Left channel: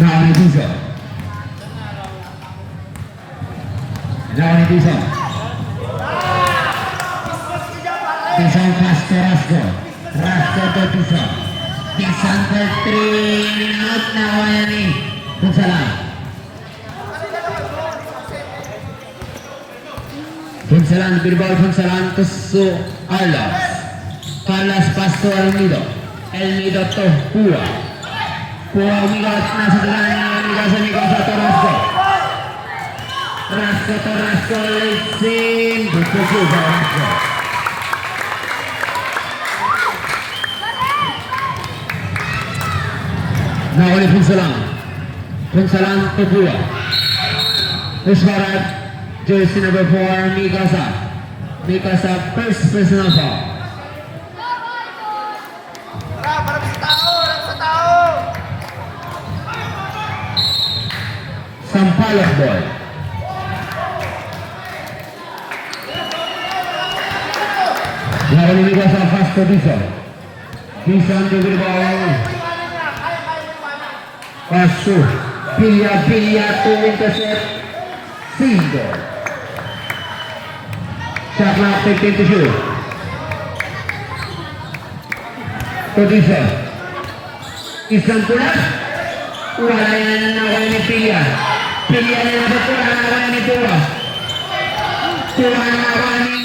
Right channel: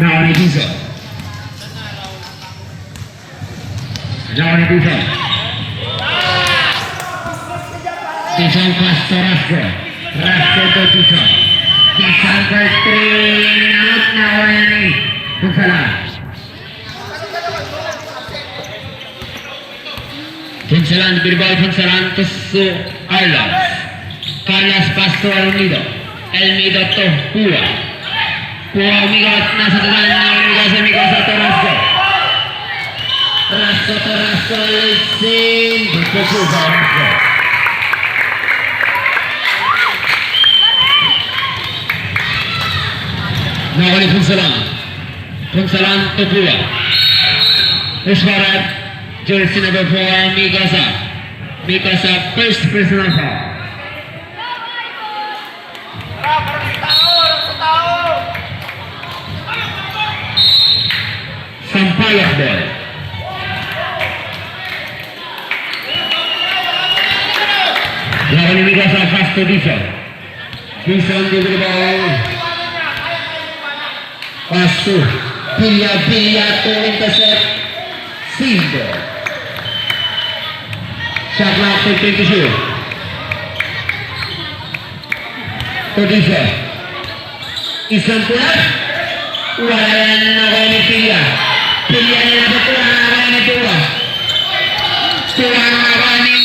Nakuha ni Bisa. Pisang Pasto Rasko to Pisang. Pisang out nakuha ni Punsalan. Punsalan berbal Punsalan ke Carlos. Carlos Pasto Elmido to Pua. Pua umigot nasa dalan Umiga satu Rasko lesin berkumpul Rasko. Nah oleh Punsalan to Pua. Usbarat jersey number 4 Mikasa first personal foul. Sampaian ball. Lawan ini Mikasa Pasto Bisa diberi bawah. Pasto Bilya to intercept single. Shot clock 15 to shoot. To Bisa. Isang pulas. Walayan na ni Bilya. Bilya niya na kurang ni Tua. Kurang ni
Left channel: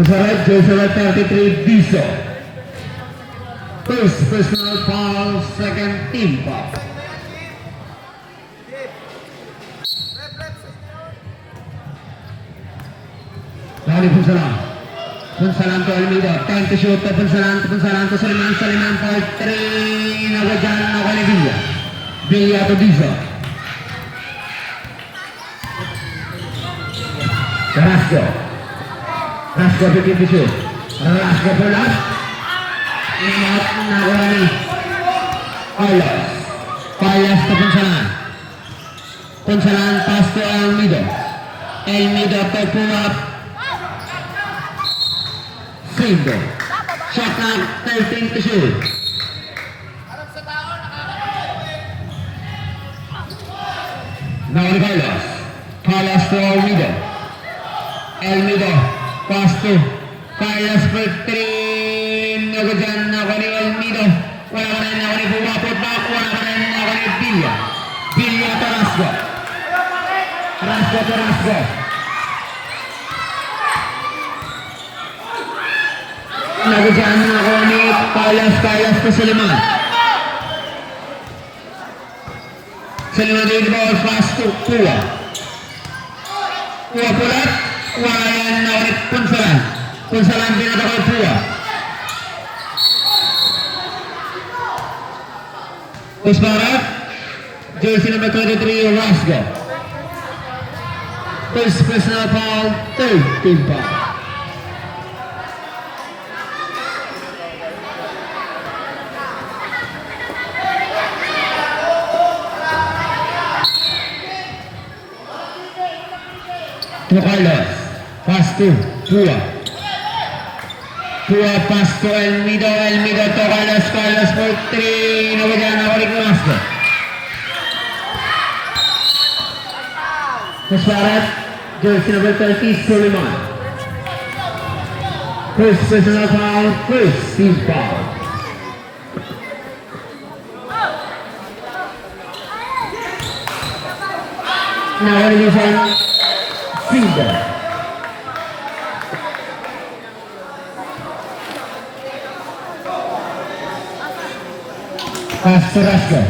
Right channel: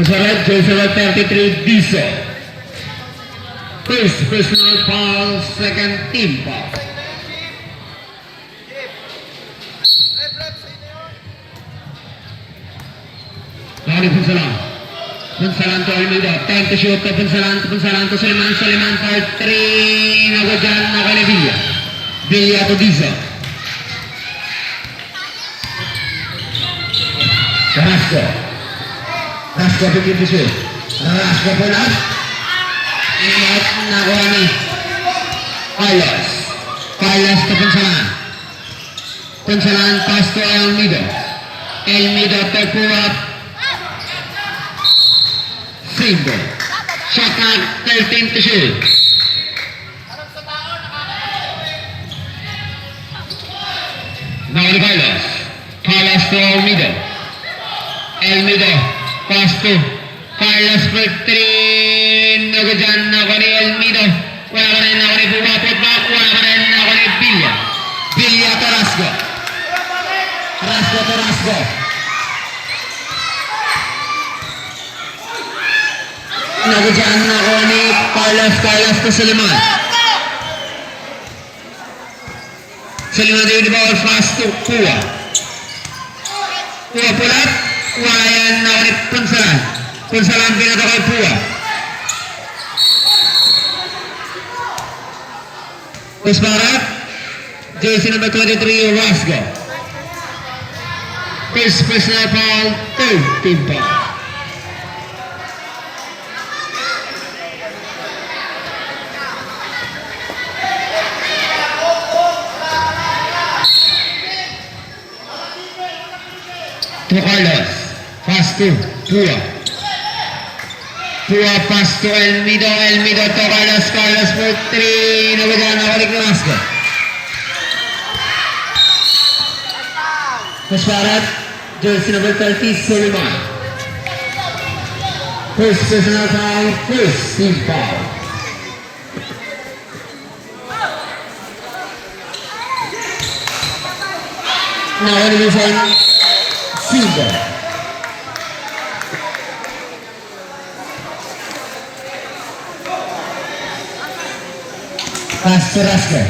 Masalah Joseph 33 Bisa. First personal foul, second team foul. Dari Punsalan to Almeida, time to shoot to Punsalan to Suleiman for 3, nagwadyan na kay Bilya to Bisa. Rasko bikin to shoot. Rasko pulas. Ingat nakuha ni Carlos to Punsalan pass to Elmido to Pua. Single. Shot clock 13 to shoot. Now Carlos to Elmido pass to Carlos for 3. Nagudyan na ko ni Elmido. Wala pa rin ako ni Pua. Putback. Wala pa rin ako ni Bilya. Bilya to Rasko. Nagudyan na ko ni Carlos to Suleiman. Suleiman din di bawal fast to Pua. Pua pulat. Wala yan na ko ni Punsalan din ito kay Pua. Usbarat. Jersey number 23 Rasko. First personal foul, third team foul. To Carlos, pass to Pua pass to Elmido to Carlos for 3, nabigyan na balik na Rasko. Usbarat, jersey number 30 Suleiman. First personal foul, first team foul. Now elimination Silva. Pass to Rasko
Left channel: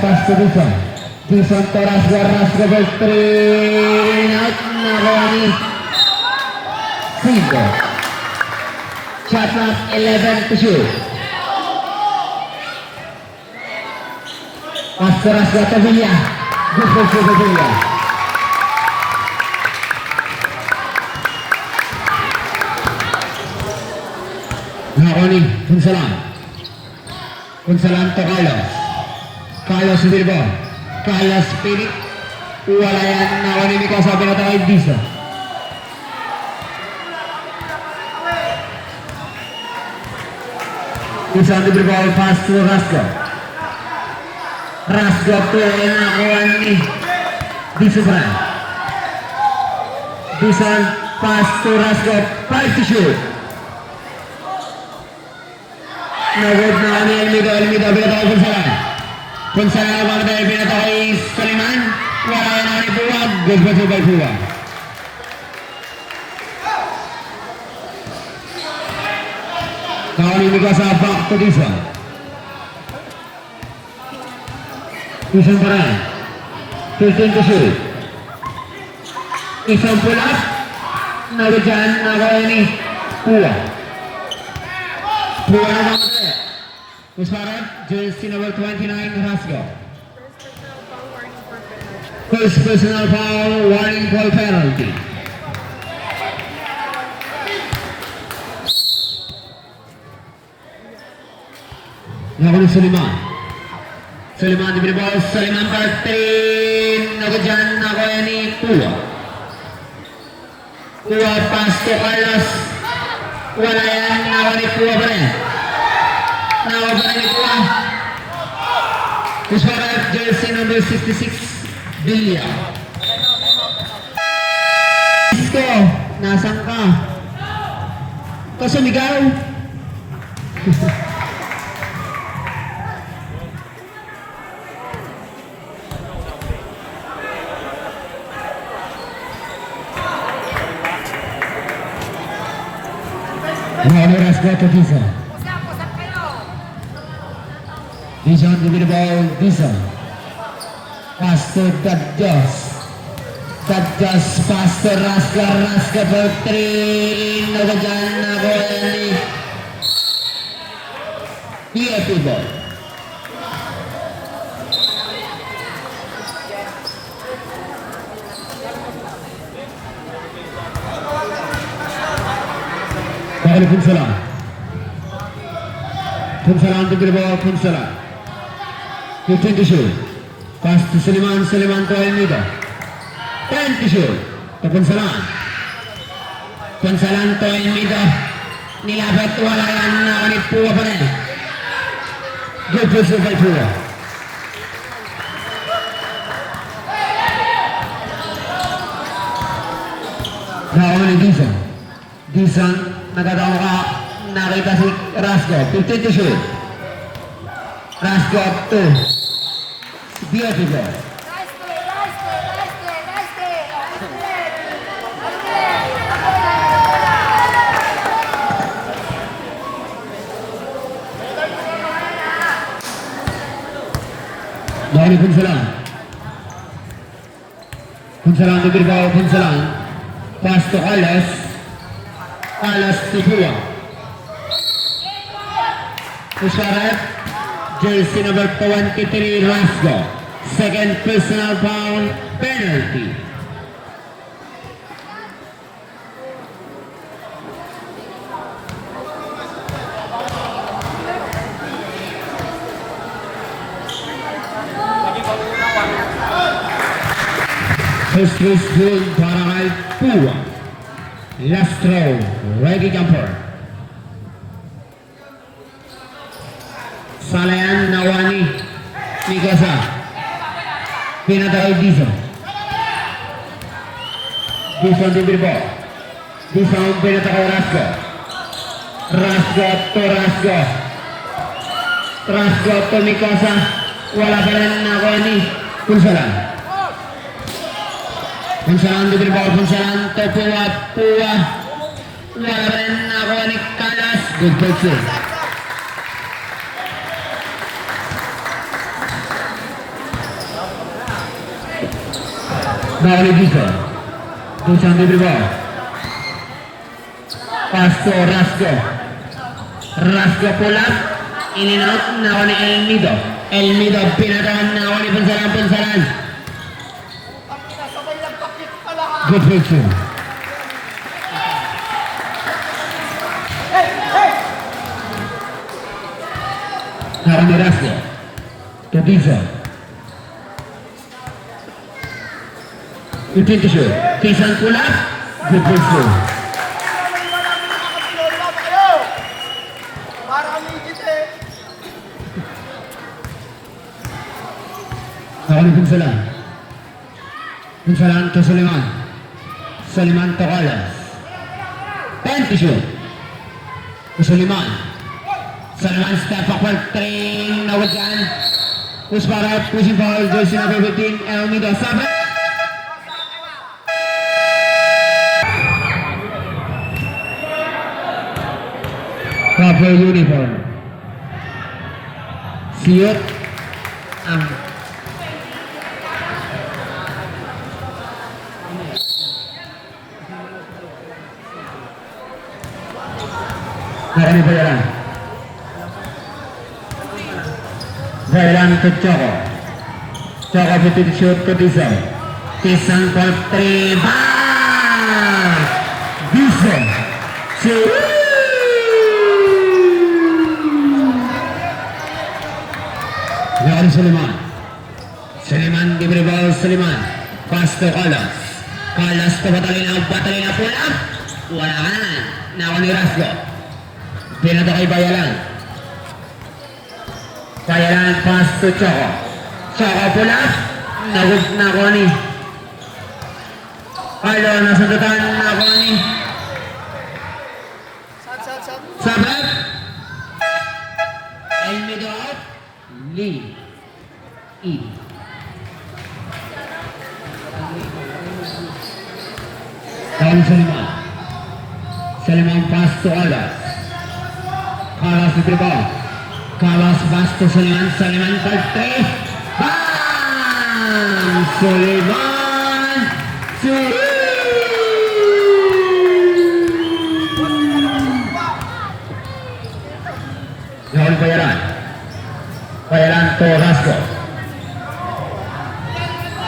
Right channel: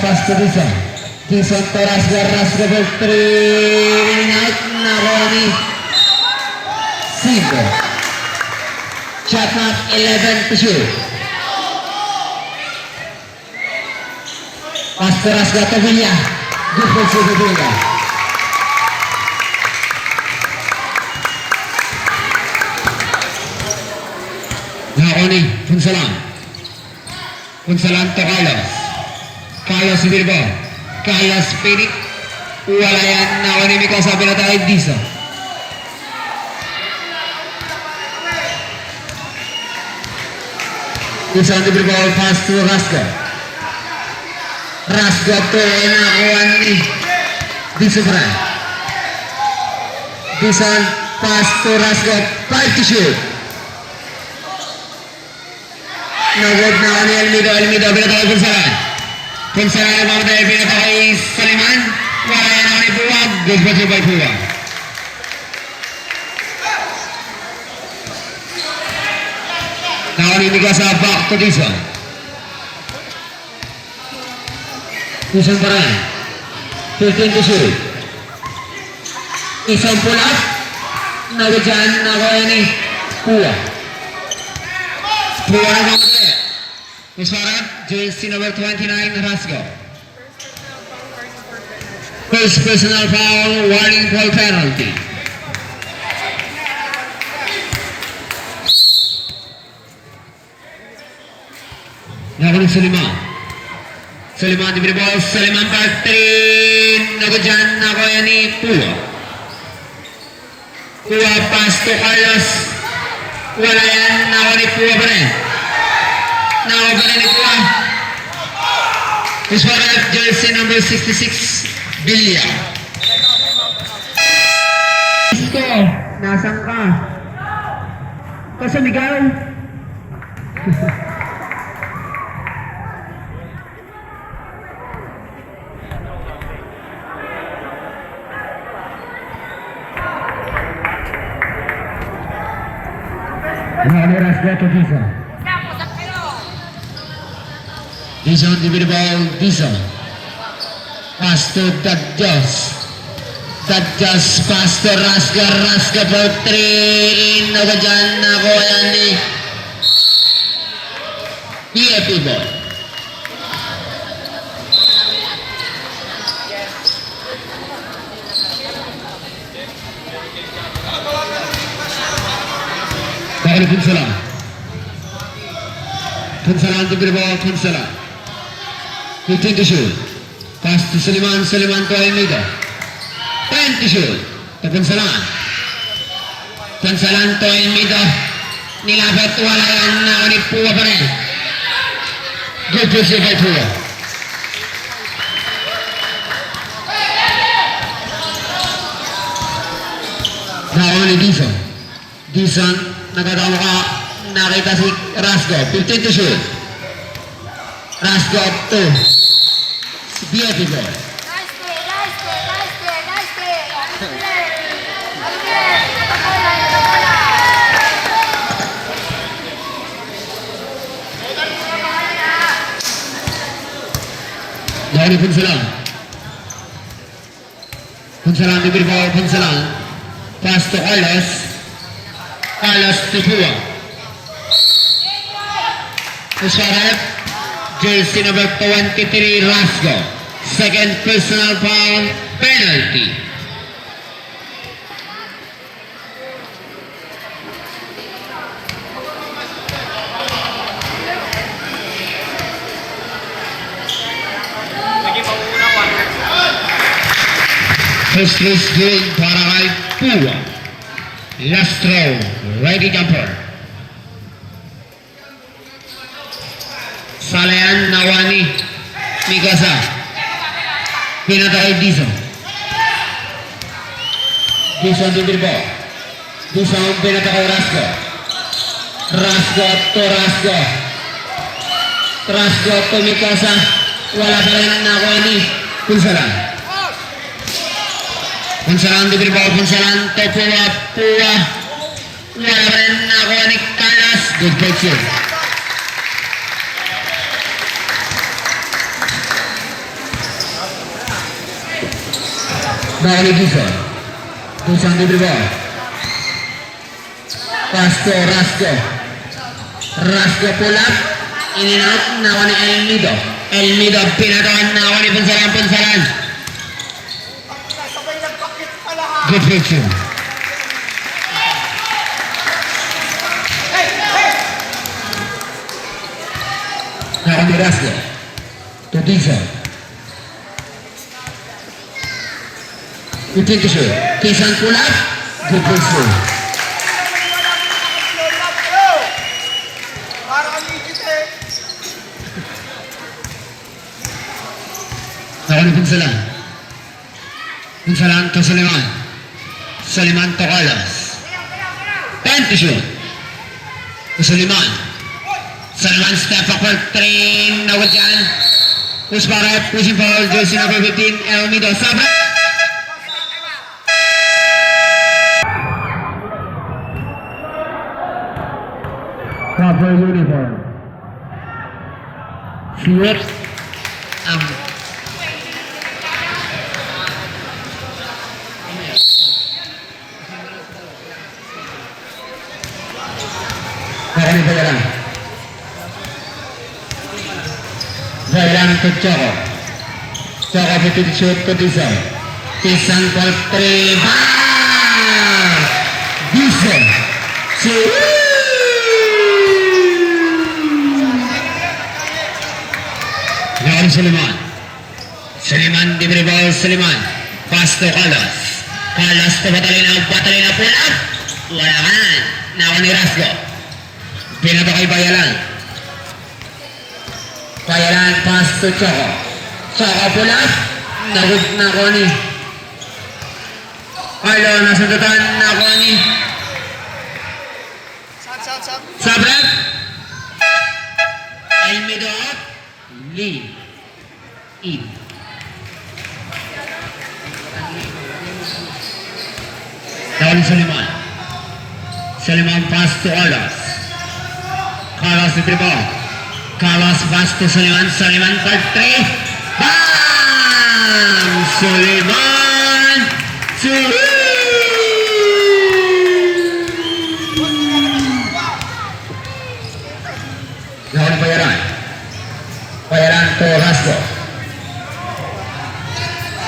pass to Dison to Rasko for 3, out Naroni Silva. Shot clock 11 to shoot. Pass to Rasko to Bilya. Defensive to Bilya. Naroni Punsalan to Carlos. Carlos Bilbo. Carlos Pinik. Wala yan. Nakuha ni Mikasa. Pinata kay Disa. Disa ang Bilbo. Pass to Rasgo. Rasgo to. Nakuha ni Disa Bray. Disa pass to Rasgo. 5 to shoot. Nagod na ni Elmido. Elmido. Pinata kay Punsalan. Punsalan ang pamatay. Pinata kay Saliman. Wala yan ako ni Puwag. Good for 2 by Puwag. Nakanimig sa back to Disa. Disa pa rin. 15 to shoot. Isang pull-up. Nagdyan. Nakuha ni Puwag. Puwag na pamatay. Musfarat. Jersey number 29. Rasgo. First personal foul, warning ball penalty. Laban ng Suliman. Suliman diberi ball, Suliman part 3. Nagdyan na kaya ni Pua. Pua pass to Carlos. Wala yan, nakuha ni Pua pa rin. Nakuha pa rin ni Pua. Musfarat, jersey number 66. Bilya. Isko, nasan ka? Kasumigaw. Ano Rasgo to Disa? Disa on the ball, Disa. Pass to Dadjas. Dadjas pass to Rasga. Rasga for 3. Nagdyan na ko yan ni PFP ball. Dahil Punsalan. Punsalan to ball, Punsalan. 15 to shoot. Pass to Suliman, Suliman to Almeida. 10 to shoot. To Punsalan. Punsalan to Almeida. Nilapit wala yan na ni Pua pa rin. Good push by Pua. Nakuha ni Dison. Dison, nagkatawa ka. Nakita si Rasgo. 15 to shoot. Rasgo up to beautiful. Nice play, nice play, nice play, nice play. Dahil Punsalan. Punsalan to Bilbao, Punsalan. Pass to Carlos. Carlos to Pua. Musfarat. Jersey number 23, Rasgo. Second personal foul, penalty. First race game para kay Pua. Last throw, ready jumper. Salayan Nawani Mikasa. Pinata kay Dison. Dison di Bilbao. Dison pinata kay Rasgo. Rasgo to Rasgo. Rasgo to Mikasa. Wala pa rin Nawani. Punsalan. Punsalan di Bilbao. Punsalan to Pua. Pua. Wala pa rin Nawani Carlos. Good picture. Balik Dison. Dison di Bilbao. Pass to Rasgo. Rasgo pulat. Ininat nakuha ni Elmido. Elmido pinatakan nakuha ni Punsalan. Punsalan. Good picture. Nakuha ni Rasgo. To Dison. 22. Kisan Pulat. Good puso. Akan pagsalan. Pagsalan to Suleiman. Suleiman to Carlos. 22. To Suleiman. Suleiman step backward. 3. Nawag dyan. Push para. Pushing foul. Jersey number 15. Elmido. Sabra. Proper uniform. Siot ang bayaran. Bayaran ke Choco. Choco betul shoot ke Diesel. Pisang for 3. Diesel. Gary Suleiman. Suleiman diberi ball Suleiman. Pass to Carlos. Carlos to Batalina pull up. Wala kan. Nawan ni Rasgo. Pinata kay Bayalan. Bayalan pass to Choco. Choco pull up. Nagod na ko ni. Carlo nasundutan na ko ni. Sabrap. Elmido up. Lead. In. Down Suleiman. Suleiman pass to Carlos. Carlos the ball. Carlos pass to Suleiman. Suleiman for 3. Bam! Suleiman! Down Bayaran. Bayaran to Rasco.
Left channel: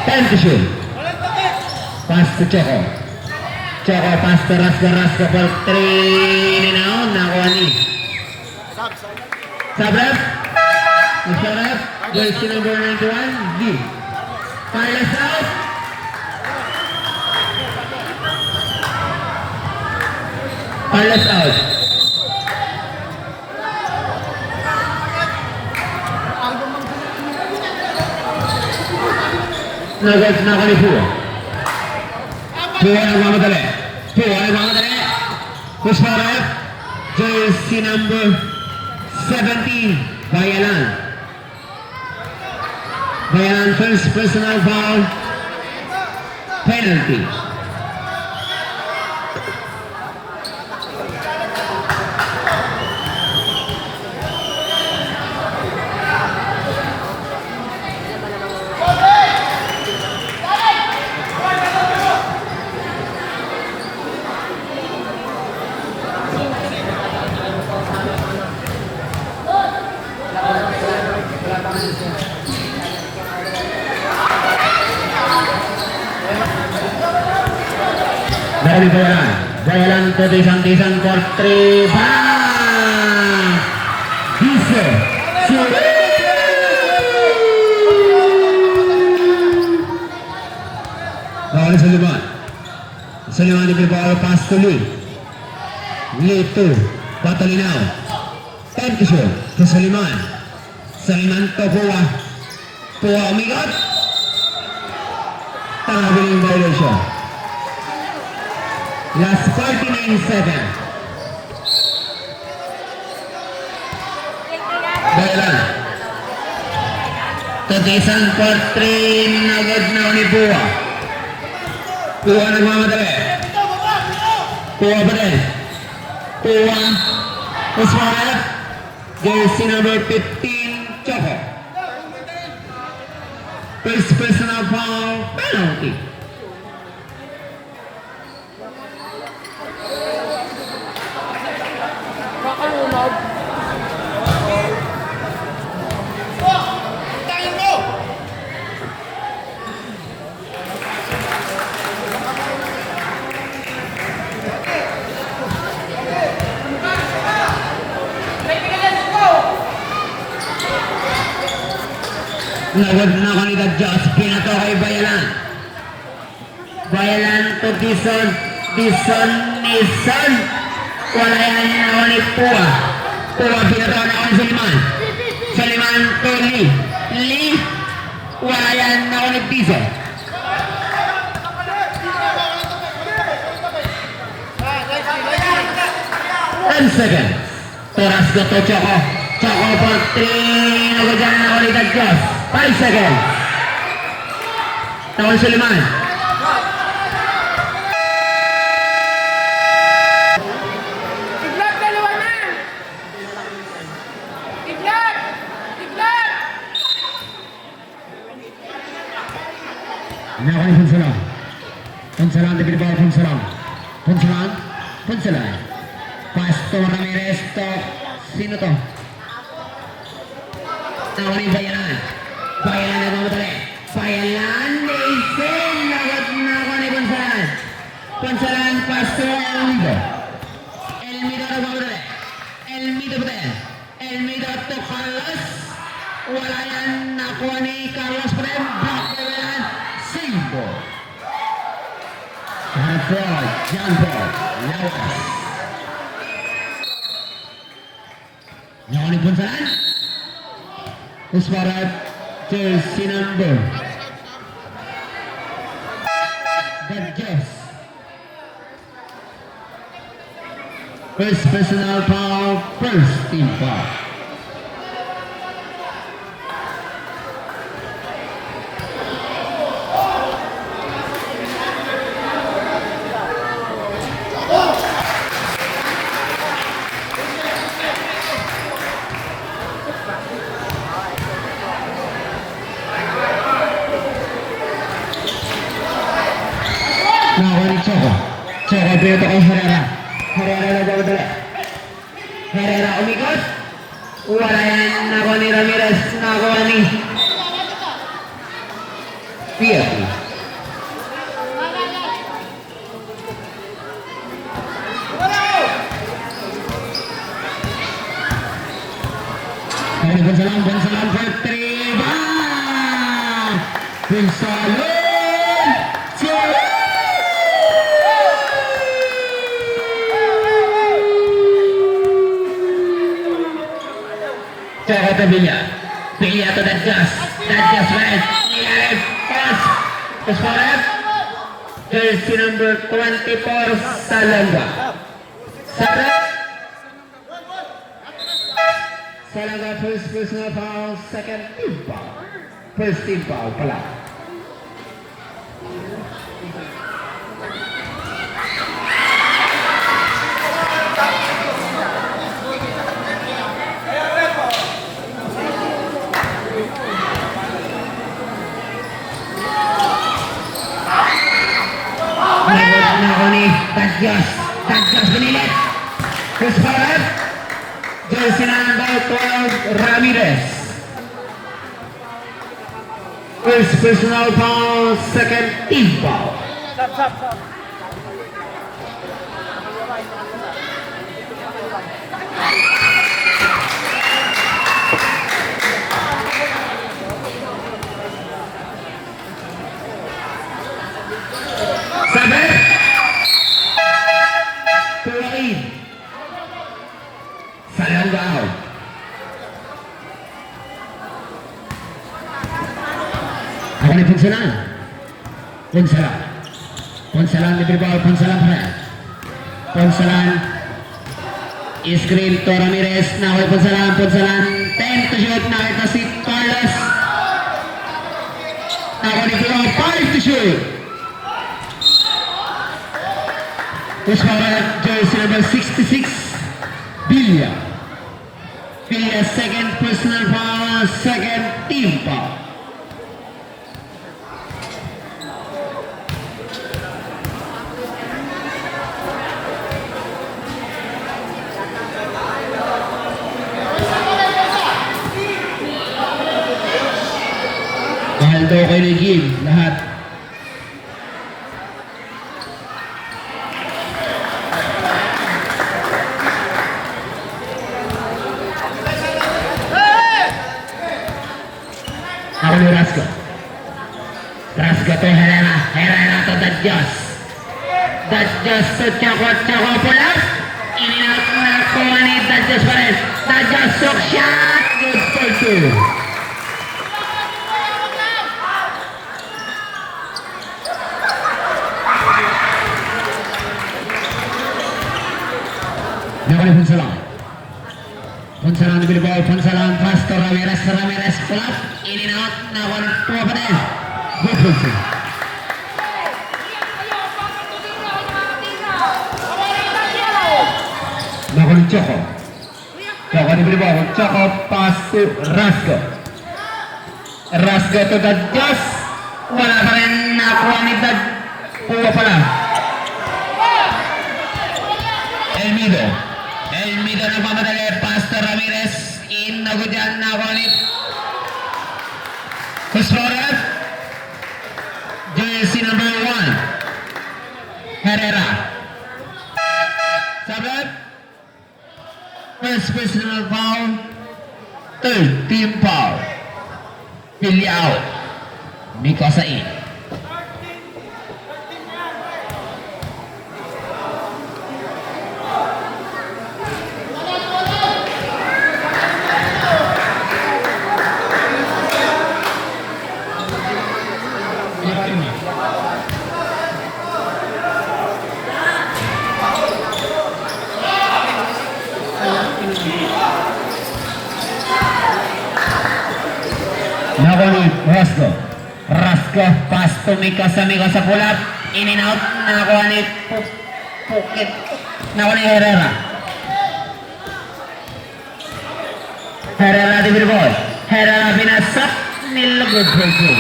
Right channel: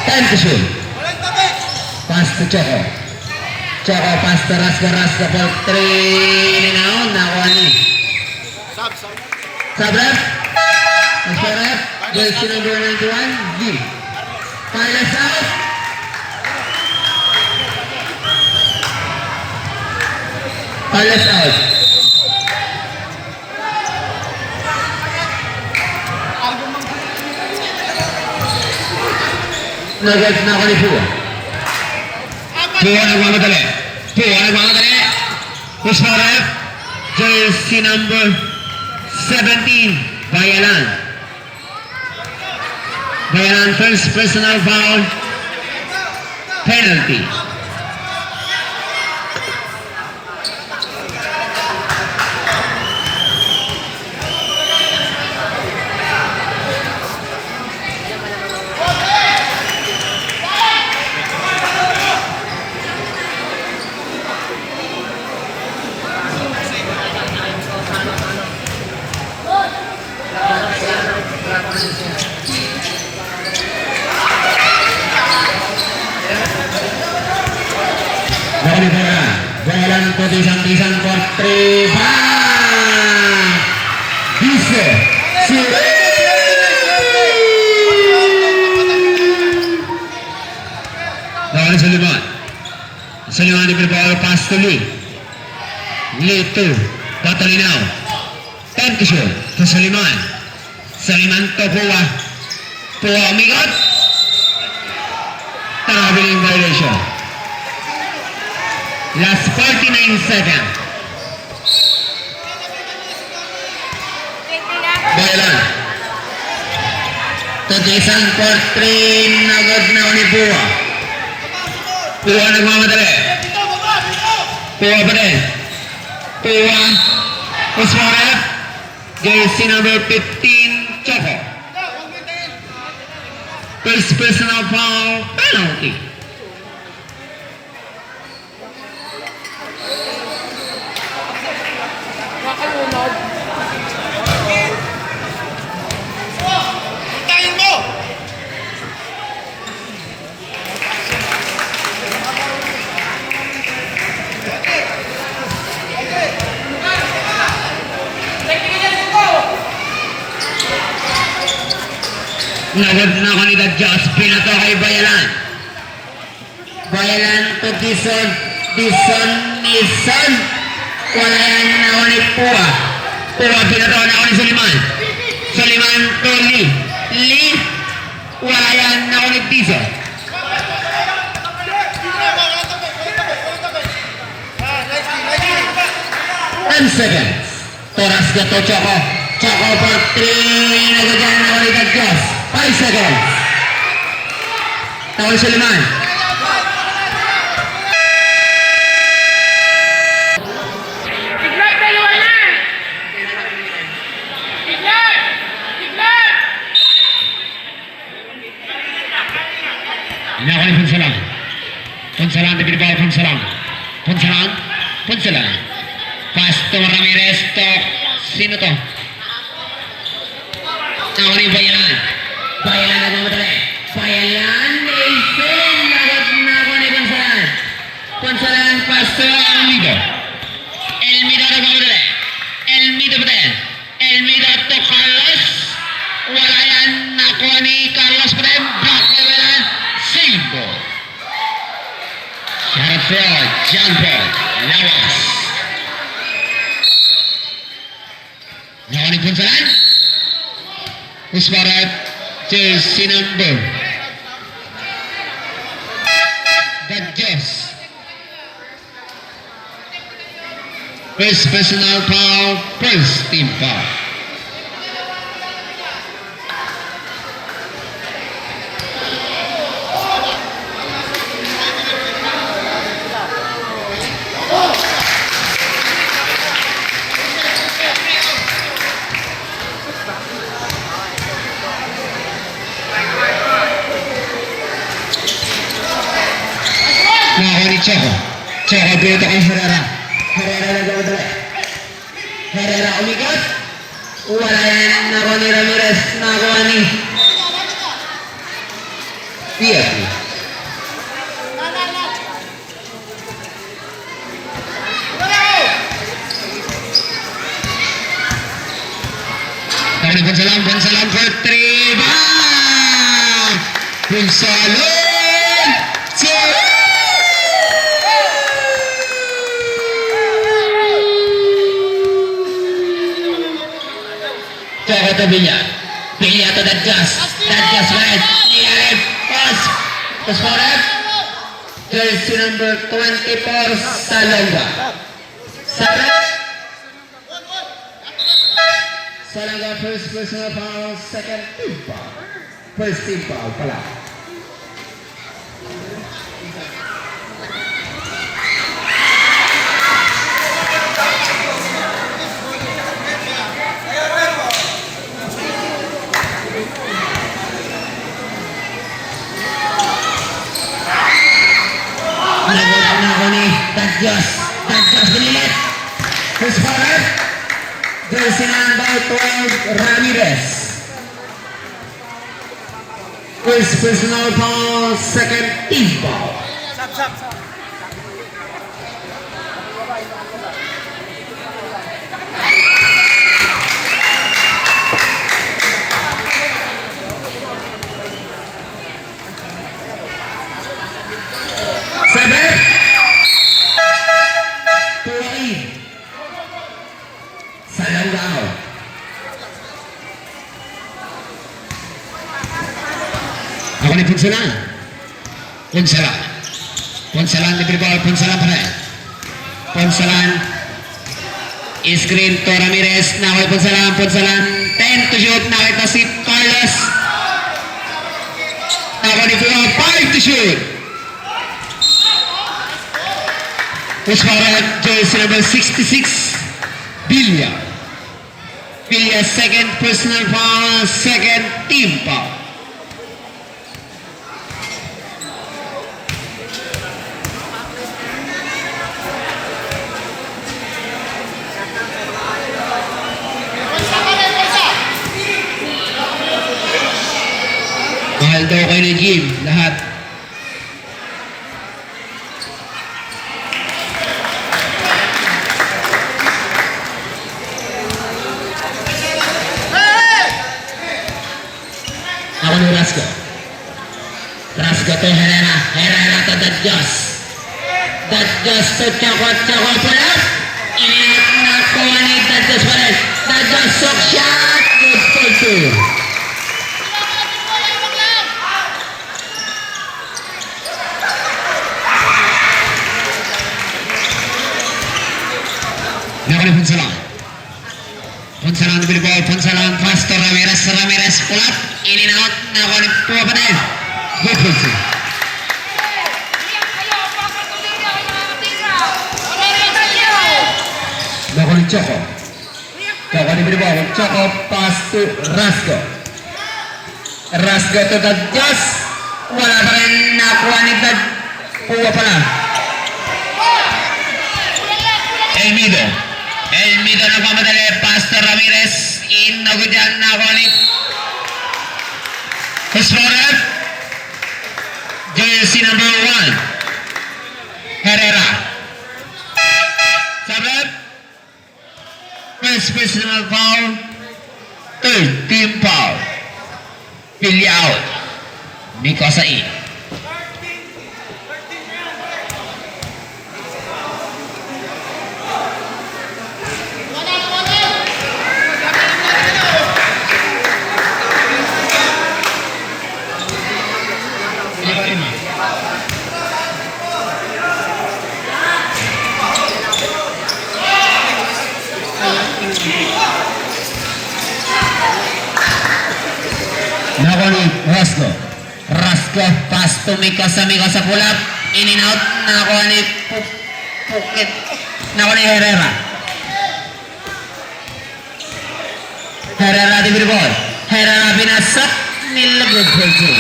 10 to shoot. Pass to Choco. Choco pass to Rasco. Rasco for 3. Nakuha ni. Sabrap. Sabrap. Jersey number 91. G. Carlos out. Carlos out. Nagad na ako ni Pua. Pua nagmamadali. Pua nagmamadali. Push para. Jersey number 17. Bayalan. Bayalan first personal foul. Penalty. Dari Bayalan. Bayalan ke Tisan for 3. Bisa. Bayalan Suleiman. Suleiman diberi bola pass to Lee. Lee to Batalinaw. 10 to shoot to Suleiman. Suleiman to Pua. Pua umigot. Traveling violation. Last 49 seconds. Bayalan. Tisan for 3. Nagod na ni Pua. Pua nagmamadali. Pua pa rin. Pua. Usmarap. Jersey number 15. Choco. First personal foul. Penalty. Nagad na kanila Diyos, pinato kay Bayalan. Bayalan to Dison. Dison Nison. Wala yan ako ni Pua. Pua pinatawa na ako ni Suliman. Suliman to Lee. Lee. Wala yan ako ni Dison. 10 seconds. Toras gato Choco. Choco for 3. Nagagyan na ulit ang Diyos. 5 seconds. Tawag Suliman. Tignan, dalawa na! Tignan! Tignan! Ini ako ni Punsalang. Punsalang, dibigay Punsalang. Punsalang. Punsalang. Pastor Ramirez to. Sino to? Ako ni Bayalan. Bayalan na mamadali. Bayalan. Nathan. Lagot na ako ni Punsalang. Punsalang, Pastor Elmido. Elmido na mamadali. Elmido pa din. Elmido to Carlos. Wala yan. Nakuha ni Carlos pa din. Block by Bayalan. Save ball. Shot for John Paul. Lawas. Nakuha ni Punsalan. Usmarat. Jersey number. Dadjes. First personal foul. First team foul. Nakuha ni Choco. Choco pinata kay Herrera. Herrera nagmamadali. Herrera umikot. Wala yan. Nakuha ni Ramirez. Nakuha ni Pietro. Nakuha ni Punsalang. Punsalang for 3. Bang! Punsalang! Choco to Villa. Villa to Dadjas. Dadjas right. Nialet. Pass. Pass for it. Jersey number 24. Salonga. Salonga first personal foul. Second team foul. First team foul pala. Ako ni Dadjas. Dadjas binilit. Chris Farad. Jersey number 12 Ramirez. First personal foul, second team foul. Sabar. Tuwai. Salanggaw. Ako ni Punsalan. Punsalan. Punsalan diberi bawah Punsalan pada. Punsalan. Screen to Ramirez. Nawal Punsalan. Punsalan. 10 to shoot. Nawal to si Carlos. Nawal ni Punsalan. 5 to shoot. Usmaran jersey number 66 Villa. Villa second personal foul, second team foul. Mahal daw kayo ni Jim, lahat. Ako ni Rasco. Rasco to Herrera. Herrera to Dadjas. Dadjas sa tsaka pala. Iniyak na ko ni Dadjas pa rin. Dadjas sock shot. Good for two. Nakuli Punsalan. Punsalan ambil ball. Punsalan pass to Ramirez. Ramirez pull up. In and out. Nakuli Pumapanay. Good for two. Nakuli Choco. Choco diberi ball. Choco pass to Rasco. Rasco to Dadjas. Wala pa rin nakuha ni Pumapanay. Elmido. Elmido na pamadali. Pastor Ramirez. Inagod yan na kulit. Explorer. Jersey number 1. Herrera. Sabit. First personal foul. Third team foul. Pili out. Mikosain. Nakuli Rasco. Rasco pass to Mikasa. Mikasa pull up. In and out. Nakuli Pukit. Nakuli Herrera. Herrera diberi ball. Herrera binasak. Nilagod for two.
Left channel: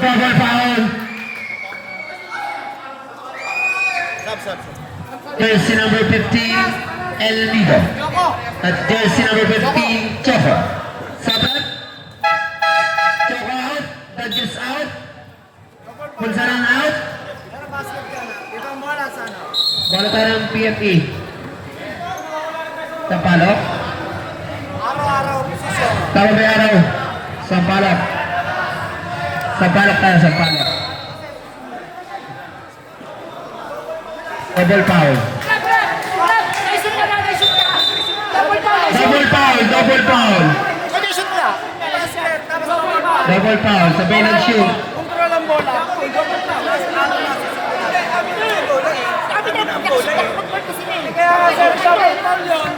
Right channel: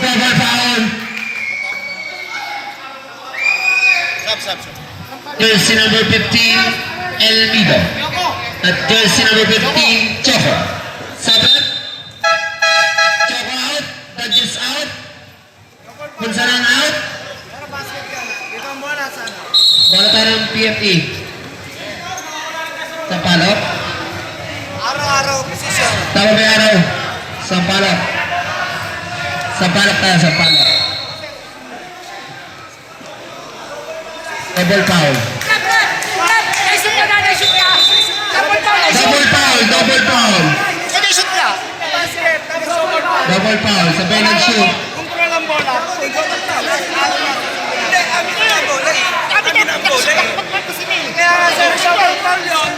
Double foul. Jersey number 15, Elmido. At jersey number 15, Choco. Sabat. Choco out. Dadjas out. Punsalan out. Bola taran PFE. Sampalok. Araw-araw posisyon. Tawag may araw. Sampalok. Sampalok tayo, sampalok. Double foul. Double foul, double foul. Basket, tapos sobrang pa. Double foul, sabay ng shoot. Control ang bola. Kaya nga sir, sobrang pa yun.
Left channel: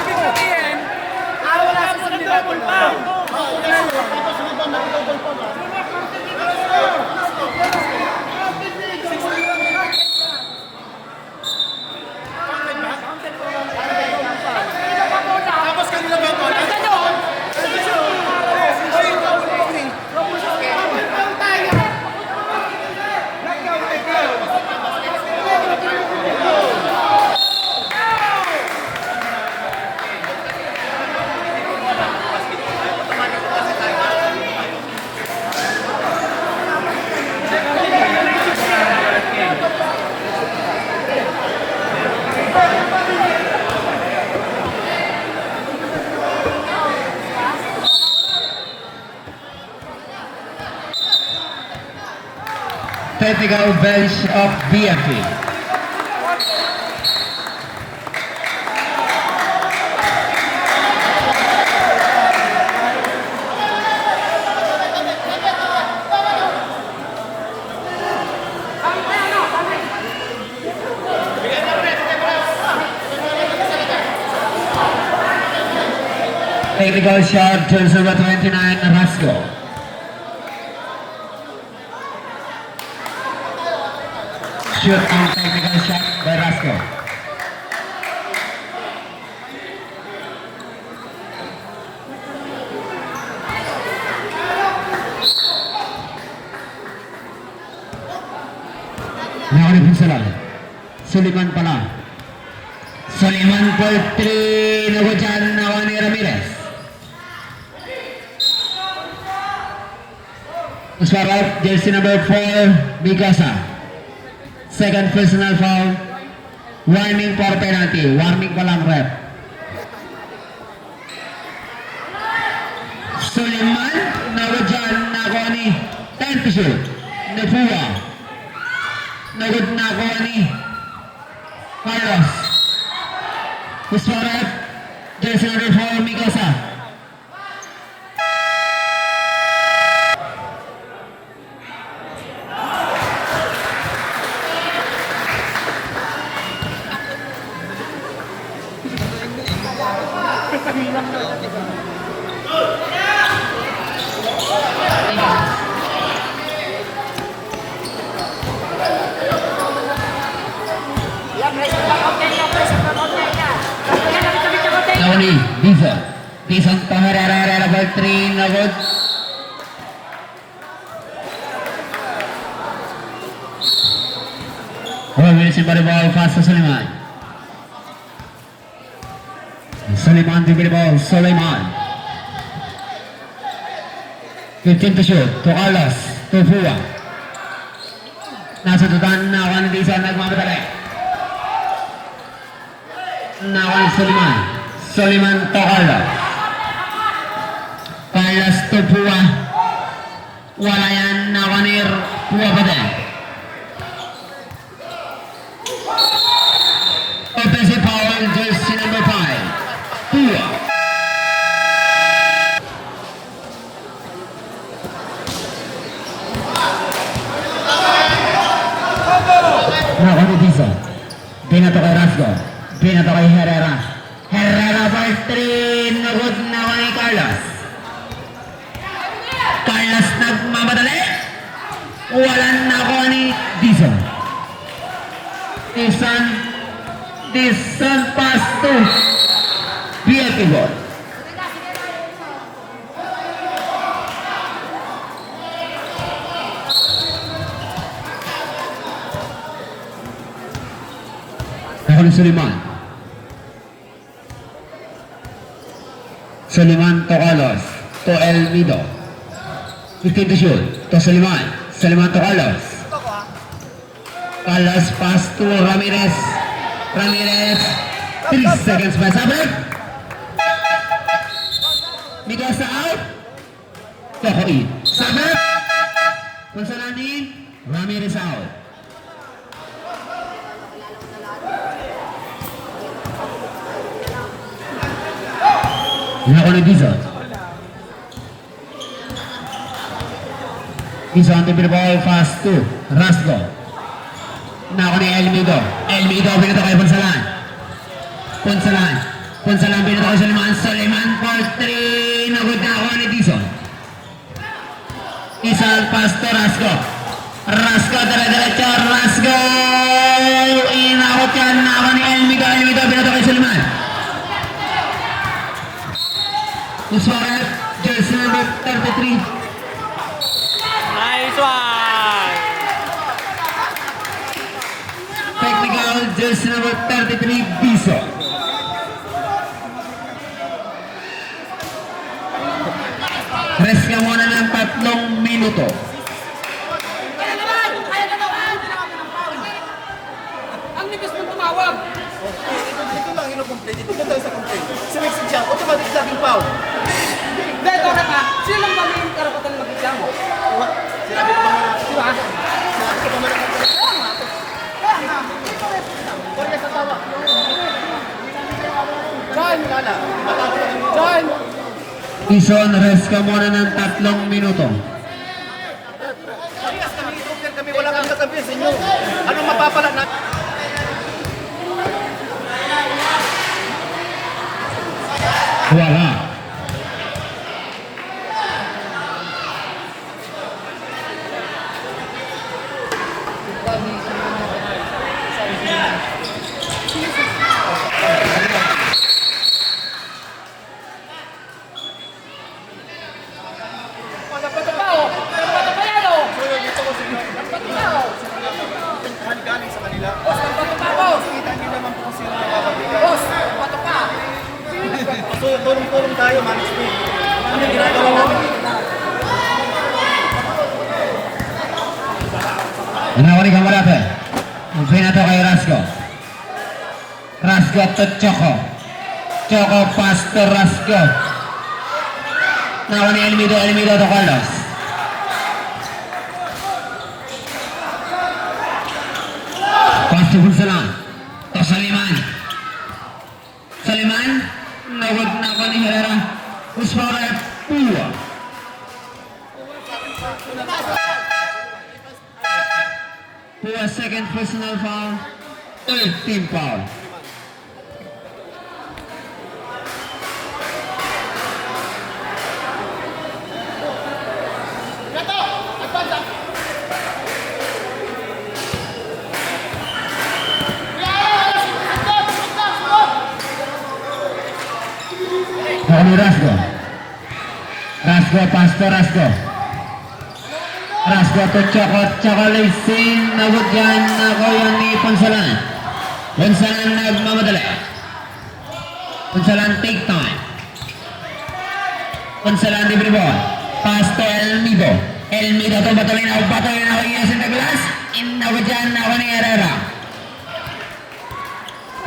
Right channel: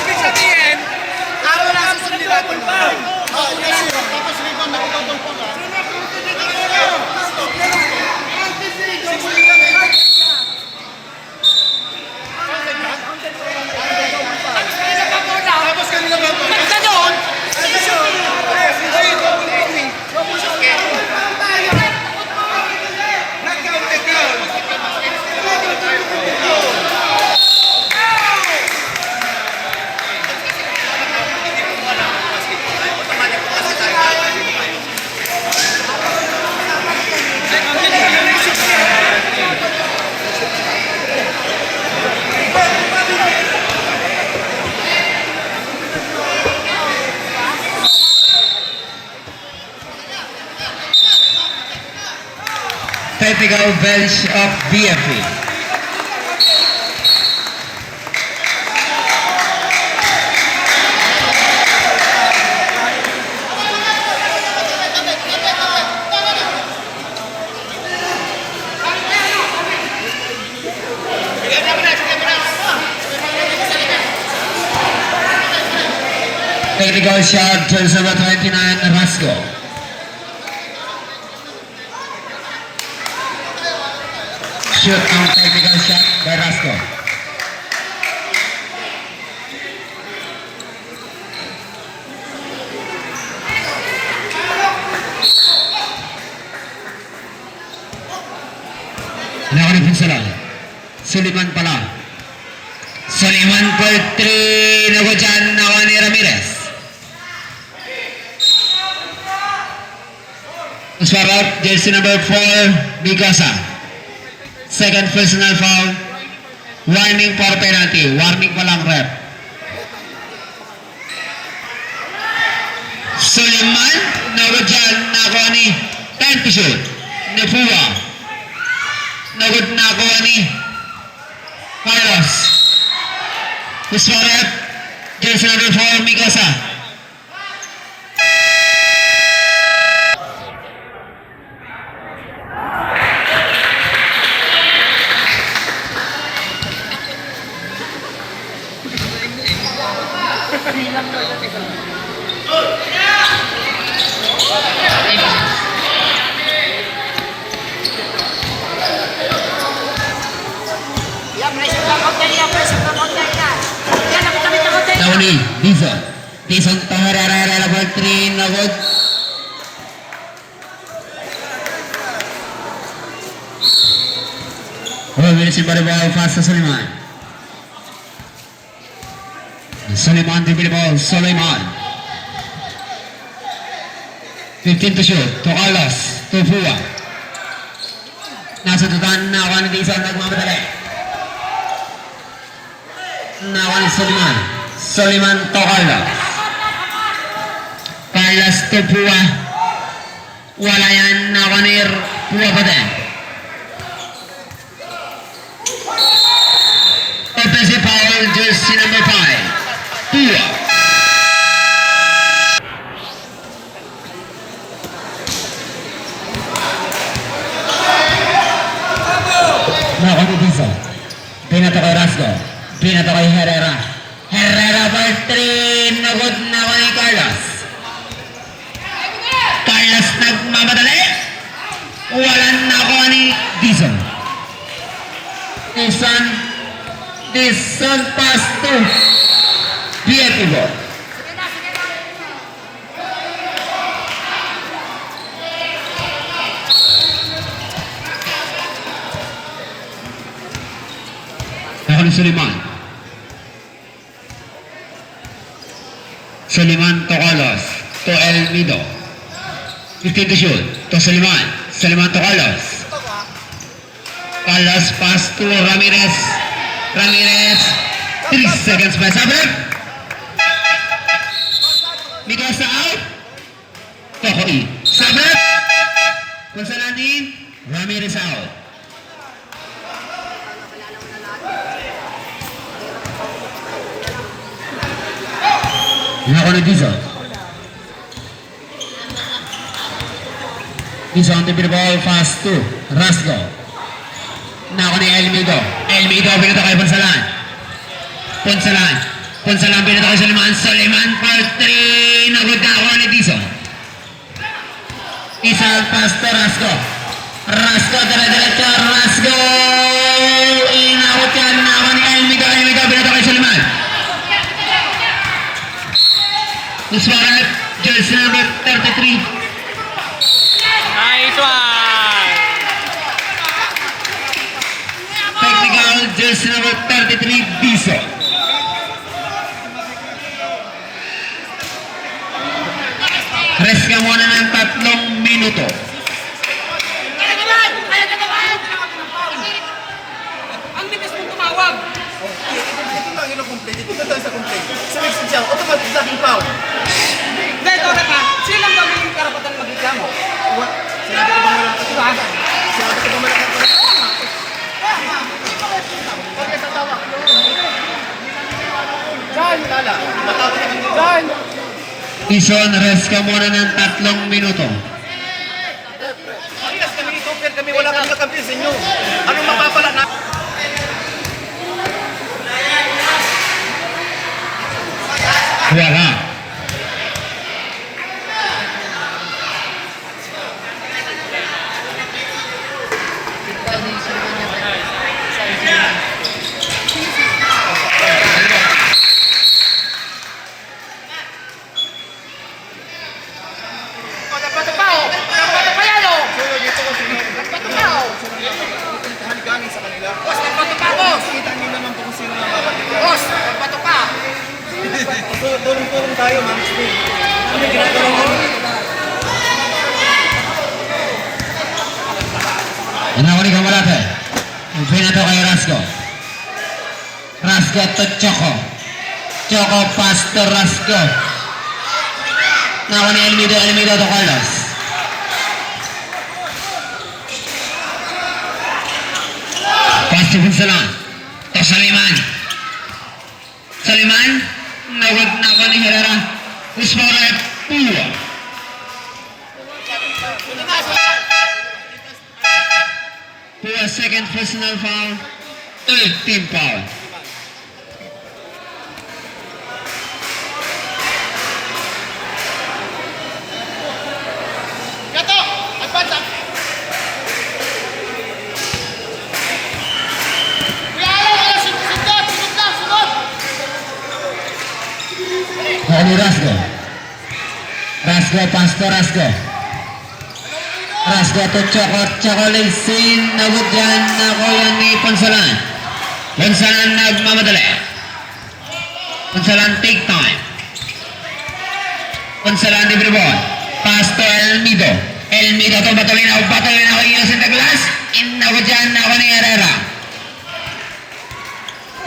Ibig sabihin, araw na sa double pa. Tapos rebound na double pa ba? Tapos kanina ba po? Nasa doon! Technical bench of BFE. Technical shot, jersey number 29, Rasco. Shoot ang technical shot by Rasco. Nakuli Punsalan. Suliman pala. Suliman for 3. Nago dyan, nakuha ni Ramirez. Swap jersey number 4, Mikasa. Second personal foul. Warning for penalty. Warning pa lang, ref. Suleiman, nago dyan, nakuha ni time to shoot. ni Fua. Nagod na ako ni Carlos. Kuswaret, jersey number 4, Mikosa. Nauni, Dizon. Dizon Taharara number 3, Nagod. Will receive the ball fast to Suleiman. Suleiman to the ball, Suleiman. 15 to shoot, to Carlos, to Fua. Nasa tutan na ako ni Dizon, nagmamadali. Nawan Suleiman. Suleiman to Carlos. Carlos to Fua. Wala yan, nawanir Fua pa din. Offensive foul, jersey number 5. Fua. Nawan ni Dizon. Binato kay Rasgo. Binato kay Herrera. Herrera by 3. Nagod na ako ni Carlos. Carlos nagmamadali. Walang na ako ni Dizon. Dizon pass to Pietibo. Ako ni Suleiman. Suleiman to Carlos. To Elmido. 15 to shoot. To Suleiman. Suleiman to Carlos. Carlos pass to Ramirez. Ramirez. 3 seconds pa. Sabrik. Mikosa out. Tohoi. Sabrik. Konsalanin. Ramirez out. Ako na Dizon. Dizon to the ball fast to Rasgo. Ako ni Elmido. Elmido pinito kay Ponsalan. Ponsalan. Ponsalan pinito kay Suleiman. Suleiman for 3. Nagod na ako ni Dizon. Dizon pass to Rasgo. Rasgo dire-diretso. Rasgo. Inakot yan na ako ni Elmido. Elmido pinito kay Suleiman. Uswarat, jersey number 33. Nice one! Technical, jersey number 33, Dizon. Rest ka muna ng 3 minuto. Ang nipis mong tumawag. Ito lang ino-complete. Ito na tayo sa complete. Sa next siya, automatic sa aking foul. Hindi, ito na ka. Silang kami yung karapatan mag-reklamo. Sinabi ko ba meron? Diba? Sinabi ko ba meron? John! John! Dizon, rest ka muna ng 3 minuto. Parehas kami ito, pero kami wala kang kakampi sa inyo. Anong mapapala na? Wala. Dapat pa oh! Dapat pa yan oh! Dapat pa oh! Boss, dapat pa boss! Boss, dapat pa! Tulong-tulong tayo, man. Inawari ka malate. Pinato kay Rasgo. Rasgo to Choco. Choco pass to Rasgo. Nawa ni Elmido to Carlos. Pasok Punsalan. To Saliman. Saliman. Nawag na ako ni Herrera. Push foul ref. Pua. Pua second personal foul. Third team foul. Gato! Advance! Ini Rasgo. Rasgo Pastor Rasgo. Rasgo to Chocolate nabot dyan ako yan ni Punsalan. Punsalan nagmamadali. Punsalan take time. Punsalan di Bribon. Pass to Elmido. Elmido to batulin ako Innocent Douglas. Nabot dyan ako ni Herrera.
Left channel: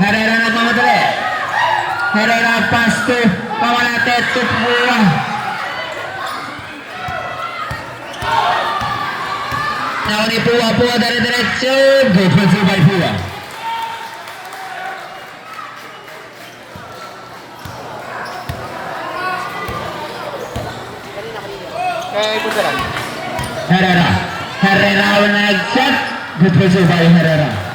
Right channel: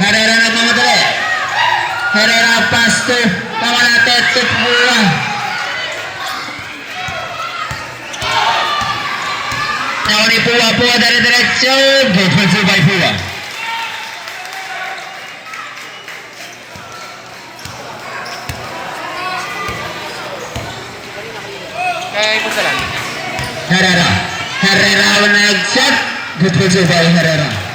Herrera nagmamadali. Herrera pass to Kamalate to Pua. Now ni Pua dari diretso. Good pencil by Pua. Kay Punsalan. Herrera naik shot. Good pencil by Herrera.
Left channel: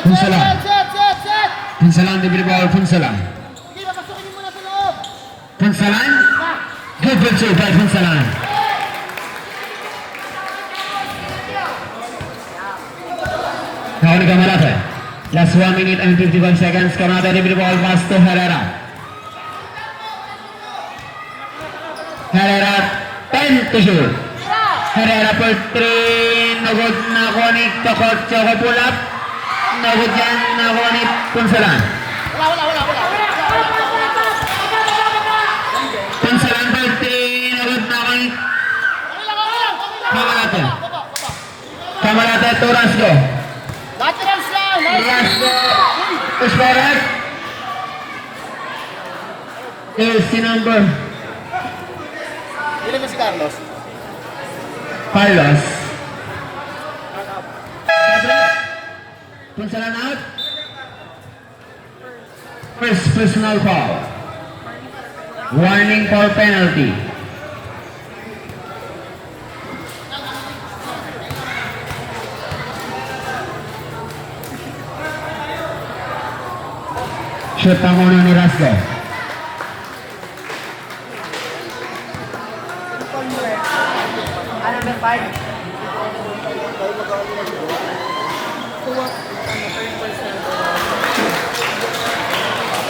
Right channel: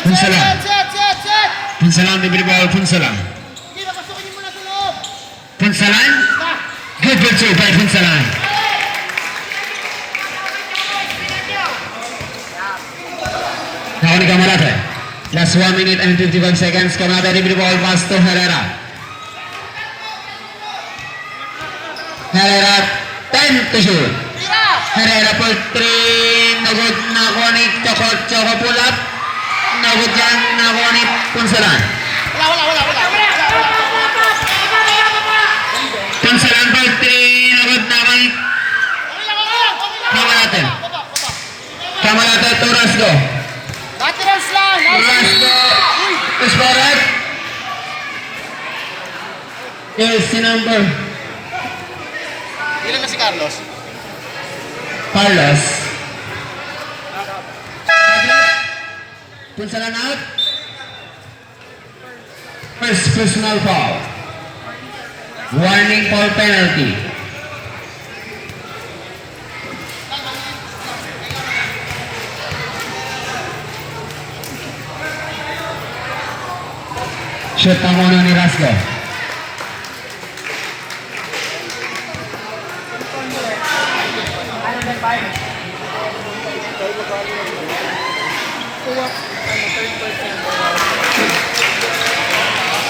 Punsalan. Punsalan diberi ball Punsalan. Hindi, papasukin niyo muna sa loob. Punsalan. Good pencil by Punsalan. Now ni Kamalate. Last 1 minute and 55 seconds. Kamalate diberi ball pass to Herrera. Herrera 10 to shoot. Herrera for 3. Nagod na ako ni Choco pull up. Nagod dyan na ako ni Punsalan. Punsalan for 3. Nagod na ako ni Kamalate. Kamalate to Rasgo. Lateral slide. Rasgo. Push forward. Jersey number Ilan na si Carlos? Carlos. Punsalan out. First personal foul. Warning for penalty. Shoot ang una ni Rasgo. Number 5.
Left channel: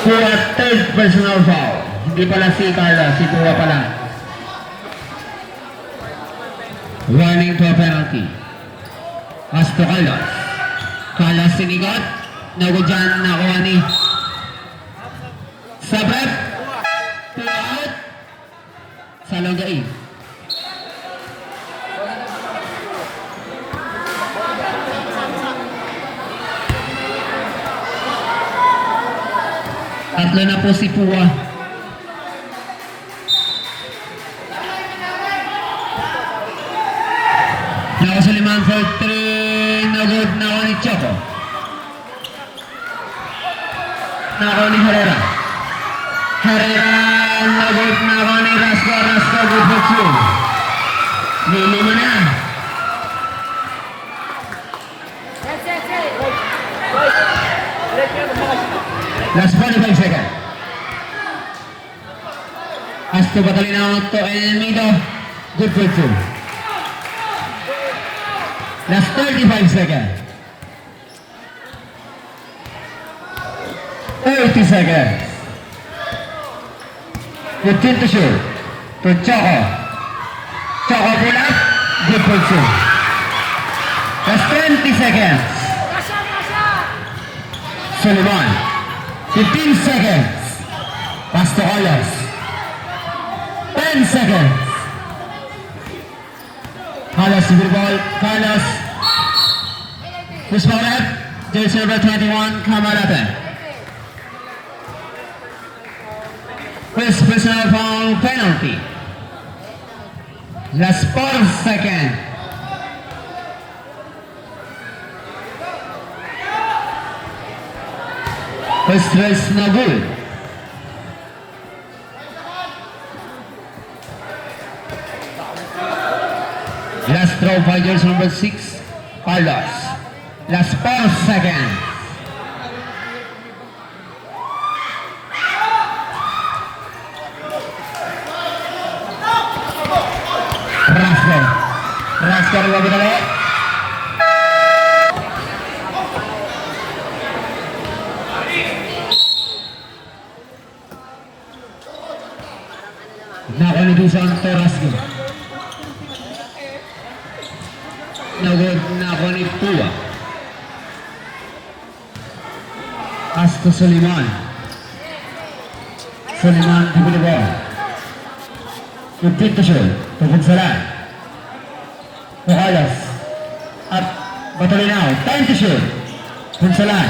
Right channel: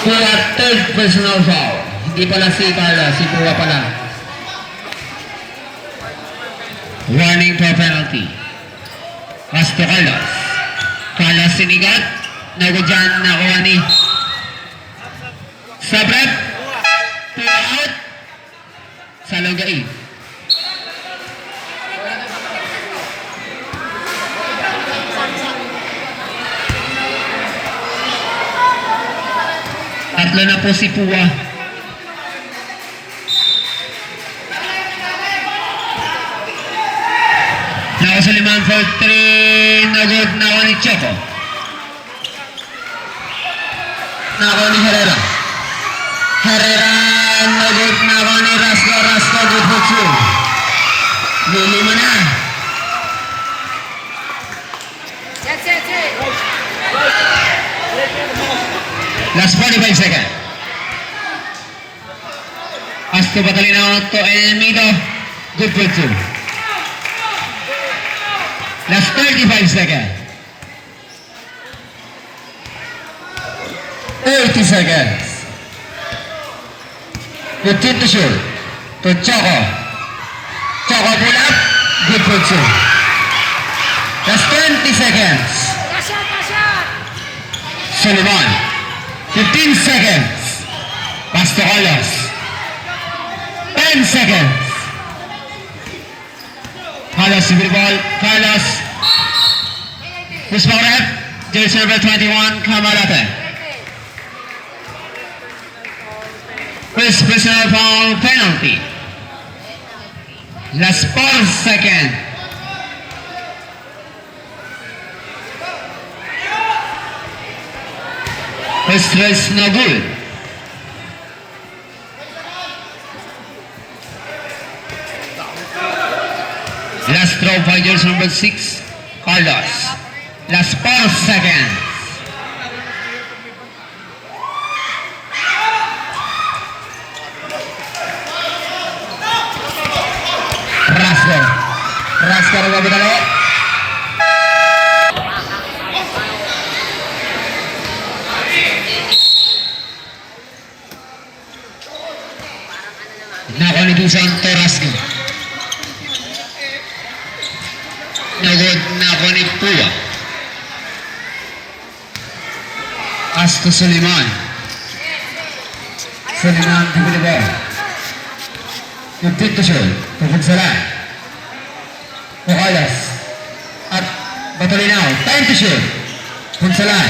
Pua third personal foul. Hindi pala si Carlos, si Pua pala. Warning for penalty. Pass to Carlos. Carlos sinigot. Nagod dyan nakuha ni Sabrep. Pua out. Salongain. Tatlo na po si Pua. Nakasaliman for 3. Nagod na ako ni Choco. Nako ni Herrera. Herrera nagod na ako ni Rasgo. Rasgo good for 2. Nilimi na. Last 45 seconds. Asto Batalino to Elmido. Good for 2. Last 35 seconds. 30 seconds. 15 to shoot. To Choco. Choco pull up. Good for 2. Last 20 seconds. Sullivan. 15 seconds. Pass to Carlos. 10 seconds. Carlos with the ball. Carlos. Push foul rep. Jersey number 21, Kamalate. First personal foul penalty. Last 4 seconds. First race no good. Last throw fighters number 6, Carlos. Last 4 seconds. Rasker. Rasker lagi dulu. Nakonibusan to Rasker. Nagod nakonipua. Pass to Suleiman. Suleiman give the ball. Good to show. Tungkol sila. Carlos. At Batolinaw. Time to shoot. Punsalan.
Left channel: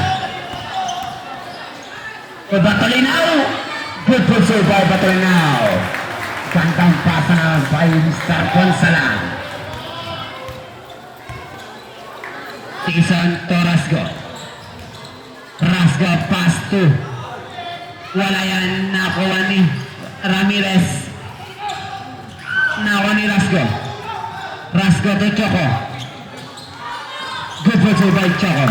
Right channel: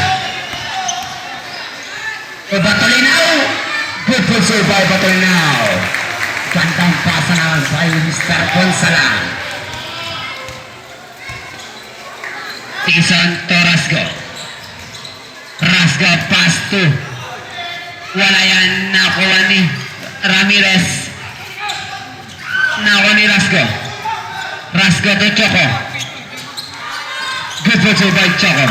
Batolinaw. Good for save by Batolinaw. Gandang pasangan by Mr. Punsalan. Tison to Rasgo. Rasgo pass to. Wala yan nakuha ni Ramirez. Nakuha ni Rasgo. Rasgo to Choco. Good for two by Choco.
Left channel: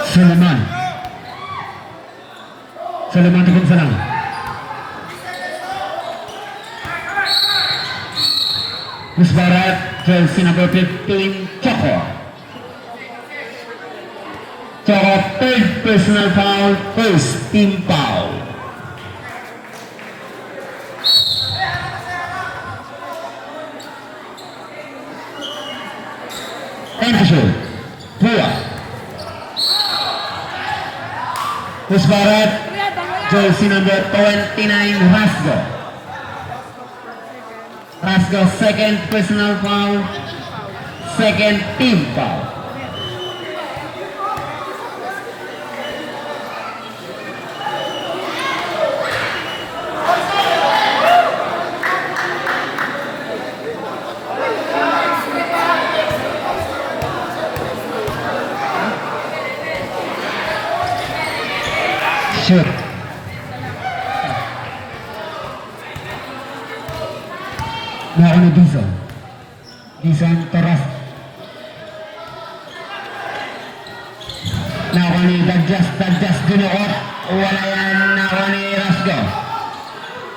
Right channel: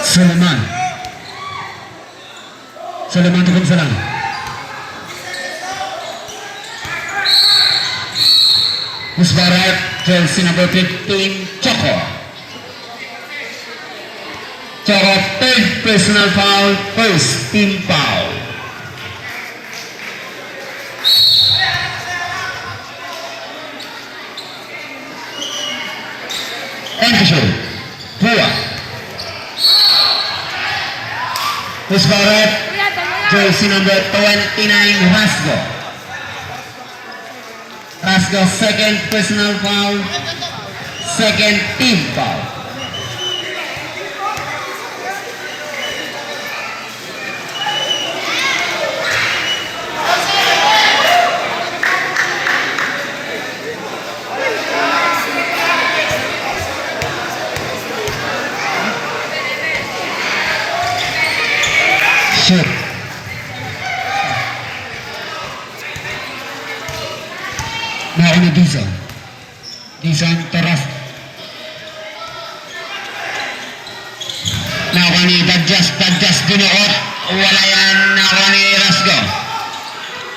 Suleiman. Suleiman to Punsalan. Musbarat, jersey number 15, Choco. Choco, third personal foul, first team foul. Thank you, Pua. Musbarat, jersey number 29, Rasgo. Rasgo, second personal foul, second team foul. Shoot. Nakuha ni Dizon. Dizon Taras. Nakuha ni Dadjas Dinuot. Wala yan. Nakuha ni Rasgo.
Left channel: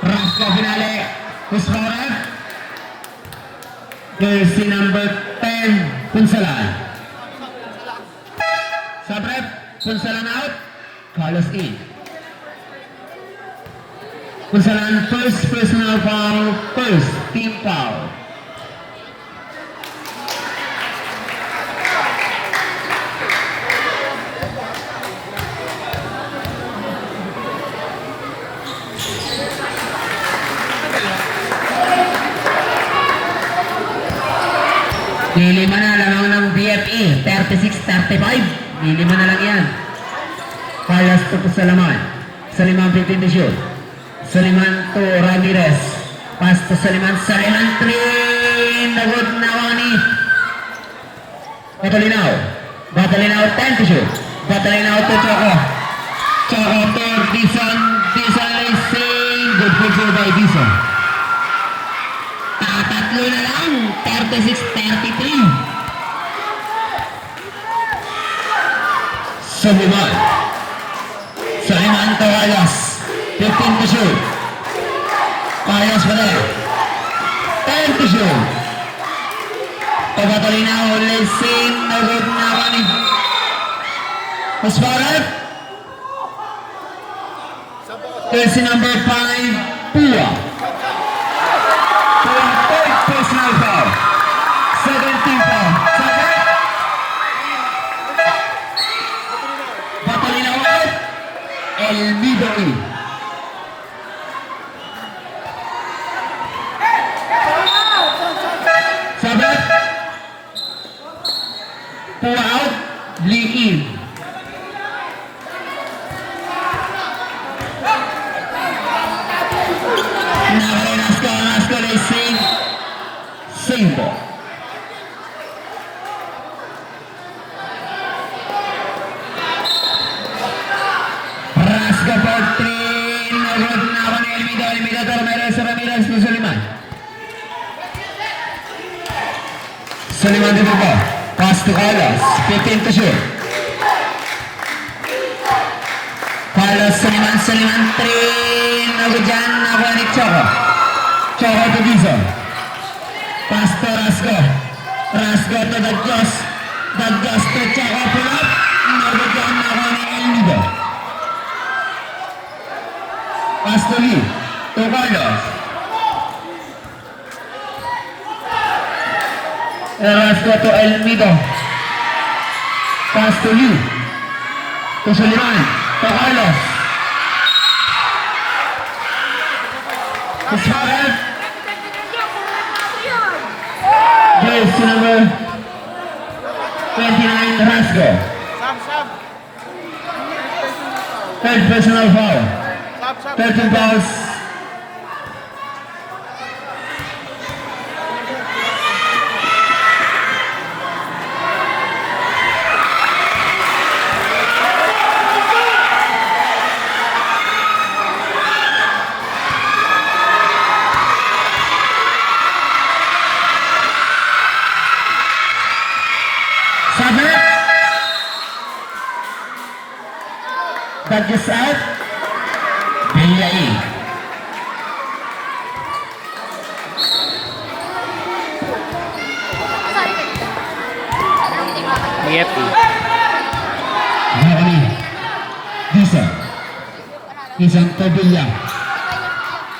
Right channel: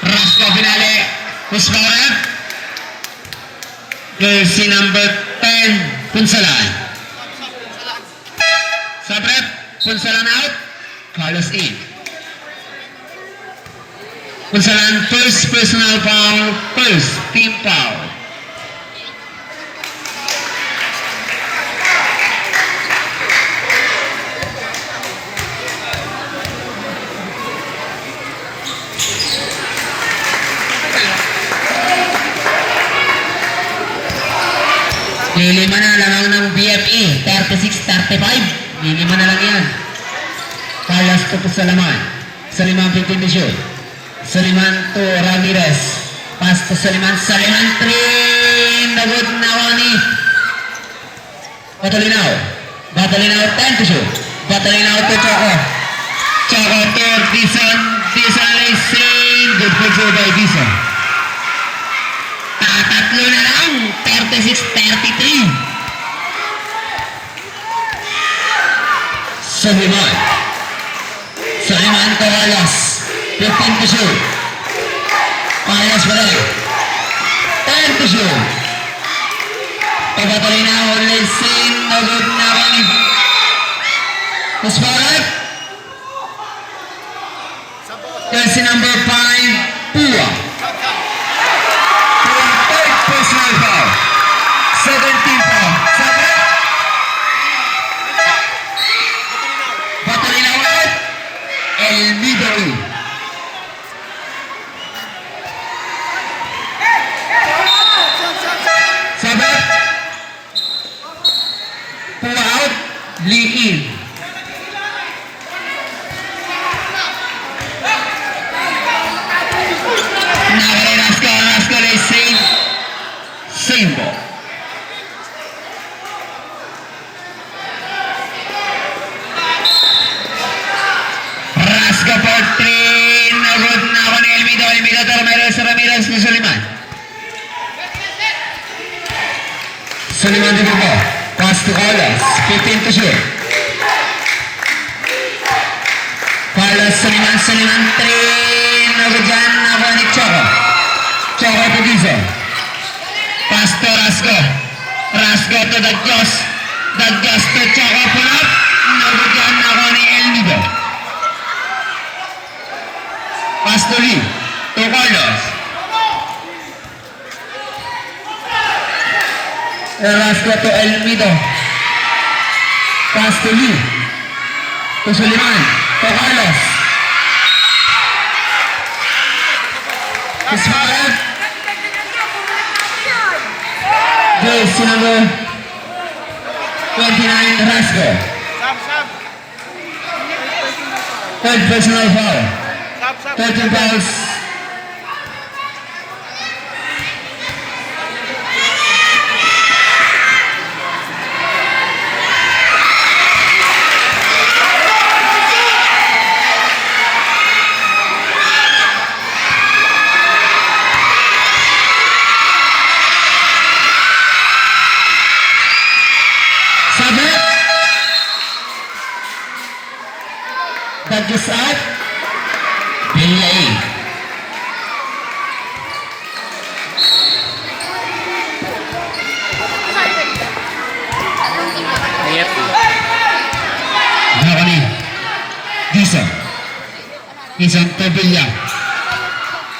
Rasgo pinali. Musbarat. Jersey number 10, Punsalan. Sabret, Punsalan out. Carlos in. Punsalan, first personal foul, first team foul. Lilima na lamang ng BFE, 36-35. Lilima na lang yan. Carlos to Pusalaman. Suleiman 15 to shoot. Suleiman to Ramirez. Pass to Suleiman. Suleiman 3. Nagod na wani. Batolinaw. Batolinaw 10 to shoot. Batolinaw to Choco. Choco to Dizon. Dizon racing. Good for sure by Dizon. Tatatlo na lang. 36-33. Suleiman. Suleiman to Carlos. 15 to shoot. Carlos wala. 10 to shoot. Pabatolinaw. Racing. Nagod na wani. Musbarat. Jersey number 5, Pua. Pua, third personal foul. 17 foul. Sabret. Batolinaw out. El Midori. Sabret. Pua out. Lee in. Nakuha ni Rasco ay save ball. Rasco for 3, no good. Nakuha ni Elmido to Ramirez ni Soliman. Soliman din po. Pass to Carlos, 15 to shoot. Carlos, Soliman, 3, no good dyan. Nakuha ni Choco to Dizon. Pass to Rasco to Dagyos to Choco, pull up. No good dyan. Nakuha ni Elmido. Pass to Lee, to Carlos. Rasco to Elmido. Pass to Lee, to Soliman, to Carlos. It's fouled. Jersey number 29, Rasco. Sab. Third personal foul. 13 fouls. Sabit. That is out. Bilay. Nakani. Dizon to Villa.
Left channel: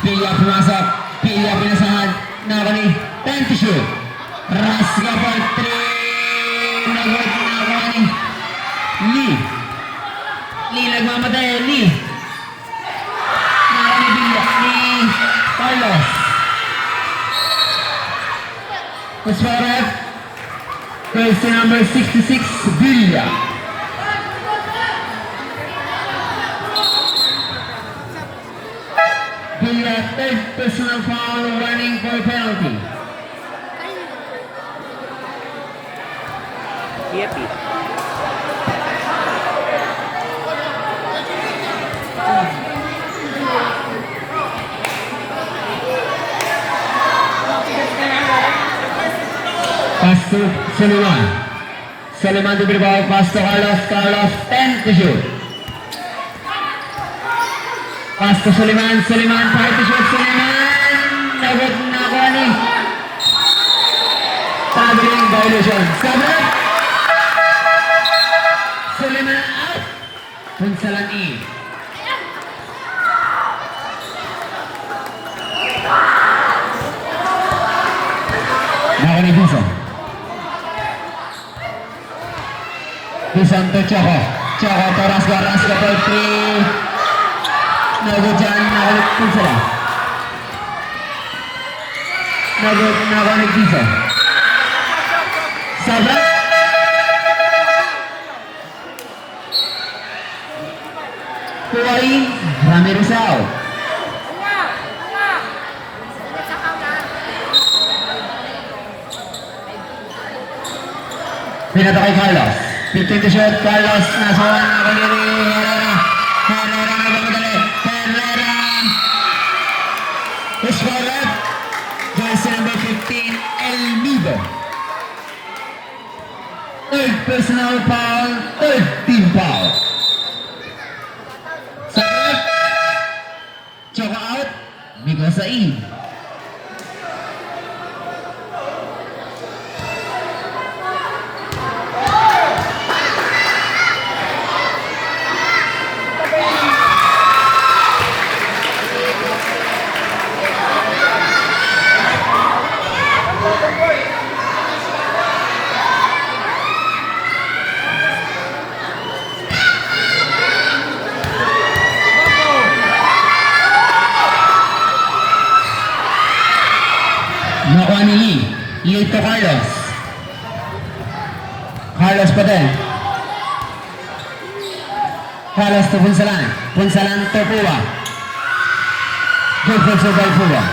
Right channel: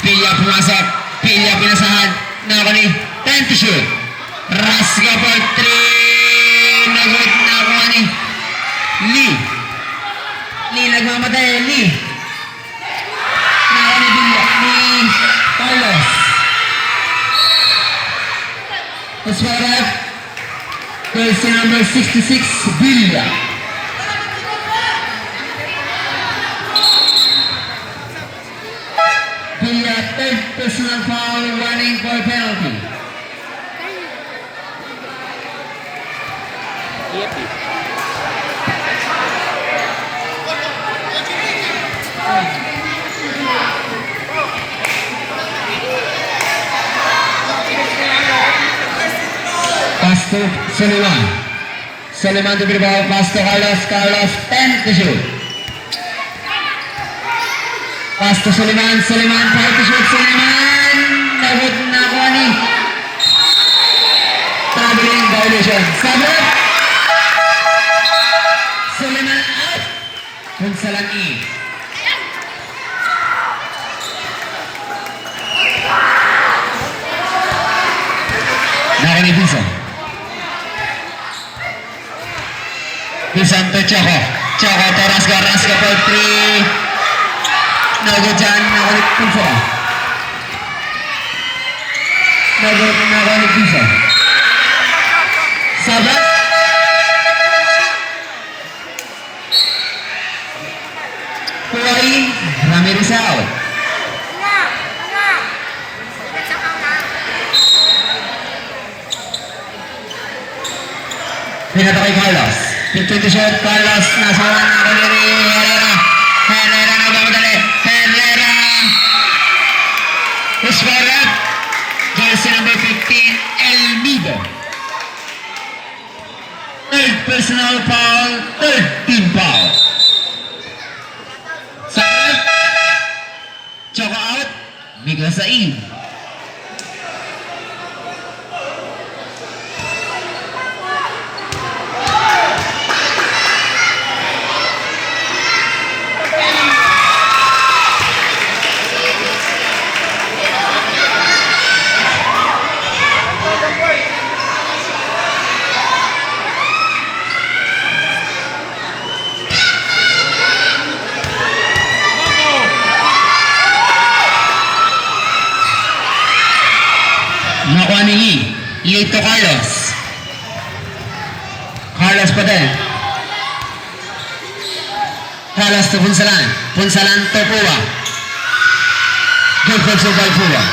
Villa pumasok. Villa pinasahan. Nakani. Time to shoot. Rasga for 3. Nagot Nakani. Lee nagmamatay. Lee. Nakani Villa. Ni Carlos. Oswarak. Jersey number 66, Villa. Villa, third personal foul, running for penalty. Pass to Soliman to Bilbao, pass to Carlos, 10 to shoot. Pass to Soliman, 5 to shoot, Soliman, nabot na ko ni. Traveling violation, sabot. Soliman out. Punsalani. Nakani Dizon to Choco to Rasco for 3. No good dyan, nakalik Dizon. No good, nakalik Dizon. Sabot. Tuwari, Ramirez out. Pinata kay Carlos. 15 to shot, Carlos. Nasawan na kaniri. Herrera nagmamadali. Herrera. Uswarak. Jersey number 15, Elmido. Third personal foul, 13 foul. Sakit. Choco out. Miguel Said. Nakuha ni Lee to Carlos. Carlos pa din. Carlos to Punsalan to Pua. Defensive by Pua.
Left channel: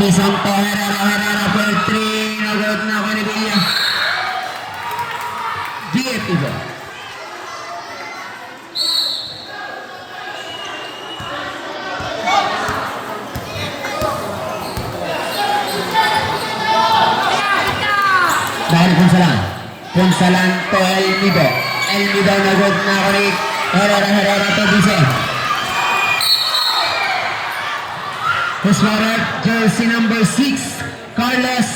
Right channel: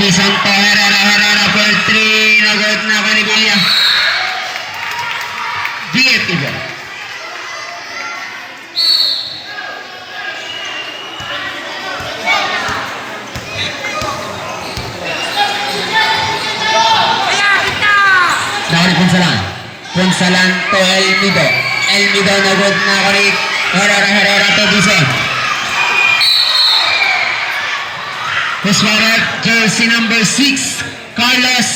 Tisanto Herrera for 3. Nagot na ako ni Villa. DFT ball. Dari Punsalan to Elmido. Elmido nagot na ako ni Herrera to Dice. Huswarak, jersey number 6, Carlos.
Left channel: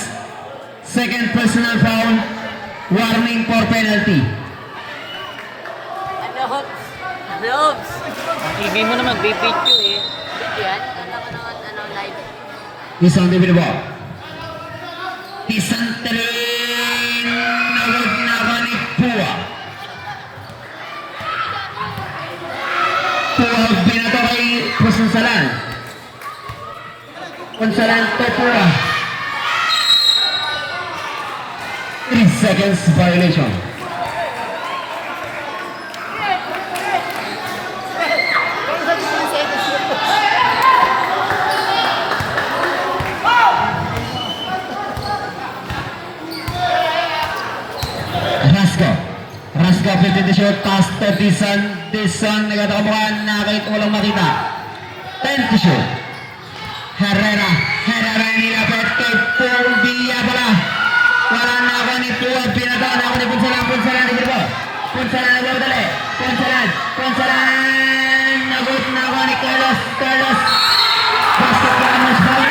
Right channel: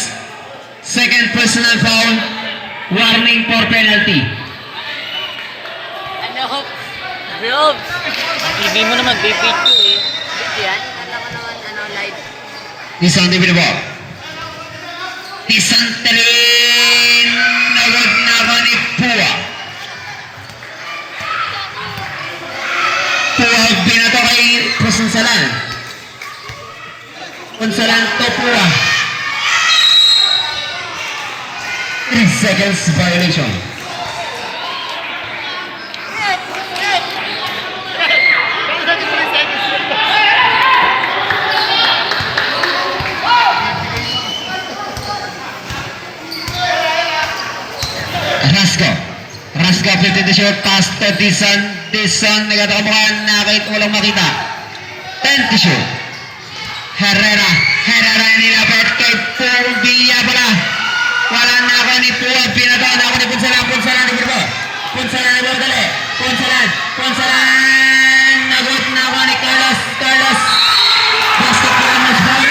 Second personal foul. Warning for penalty. Hindi mo naman bibidyo eh. Yan. Isang di binibok. Isang talin. Nagod na ako ni Pua. Pua binato kay Punsalan. Punsalan to Pua. 3 seconds violation. Rasco 50 to shoot, pass to Dison nagkatakamukhaan na kahit walang makita. 10 to shoot. Herrera nilapit kay Paul Villa pala. Wala na ako ni Pua, pinato na ako ni Punsalan ni Burbo. Punsalan dali. Punsalan, nagot na ako ni Carlos. Basketball match ball.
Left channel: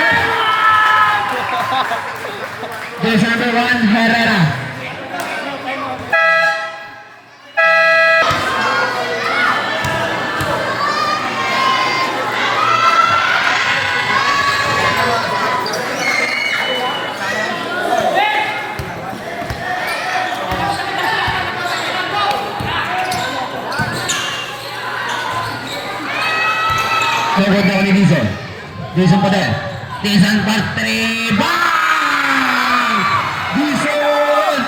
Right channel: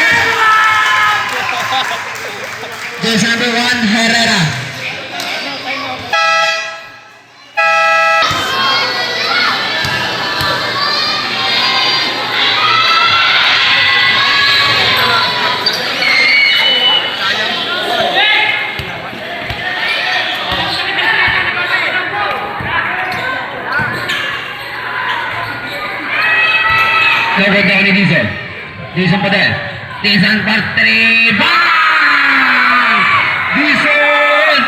Jersey number 1, Herrera. Nagot na ni Dizon. Dizon pa din. Dizon for 3. Bang! Dizon!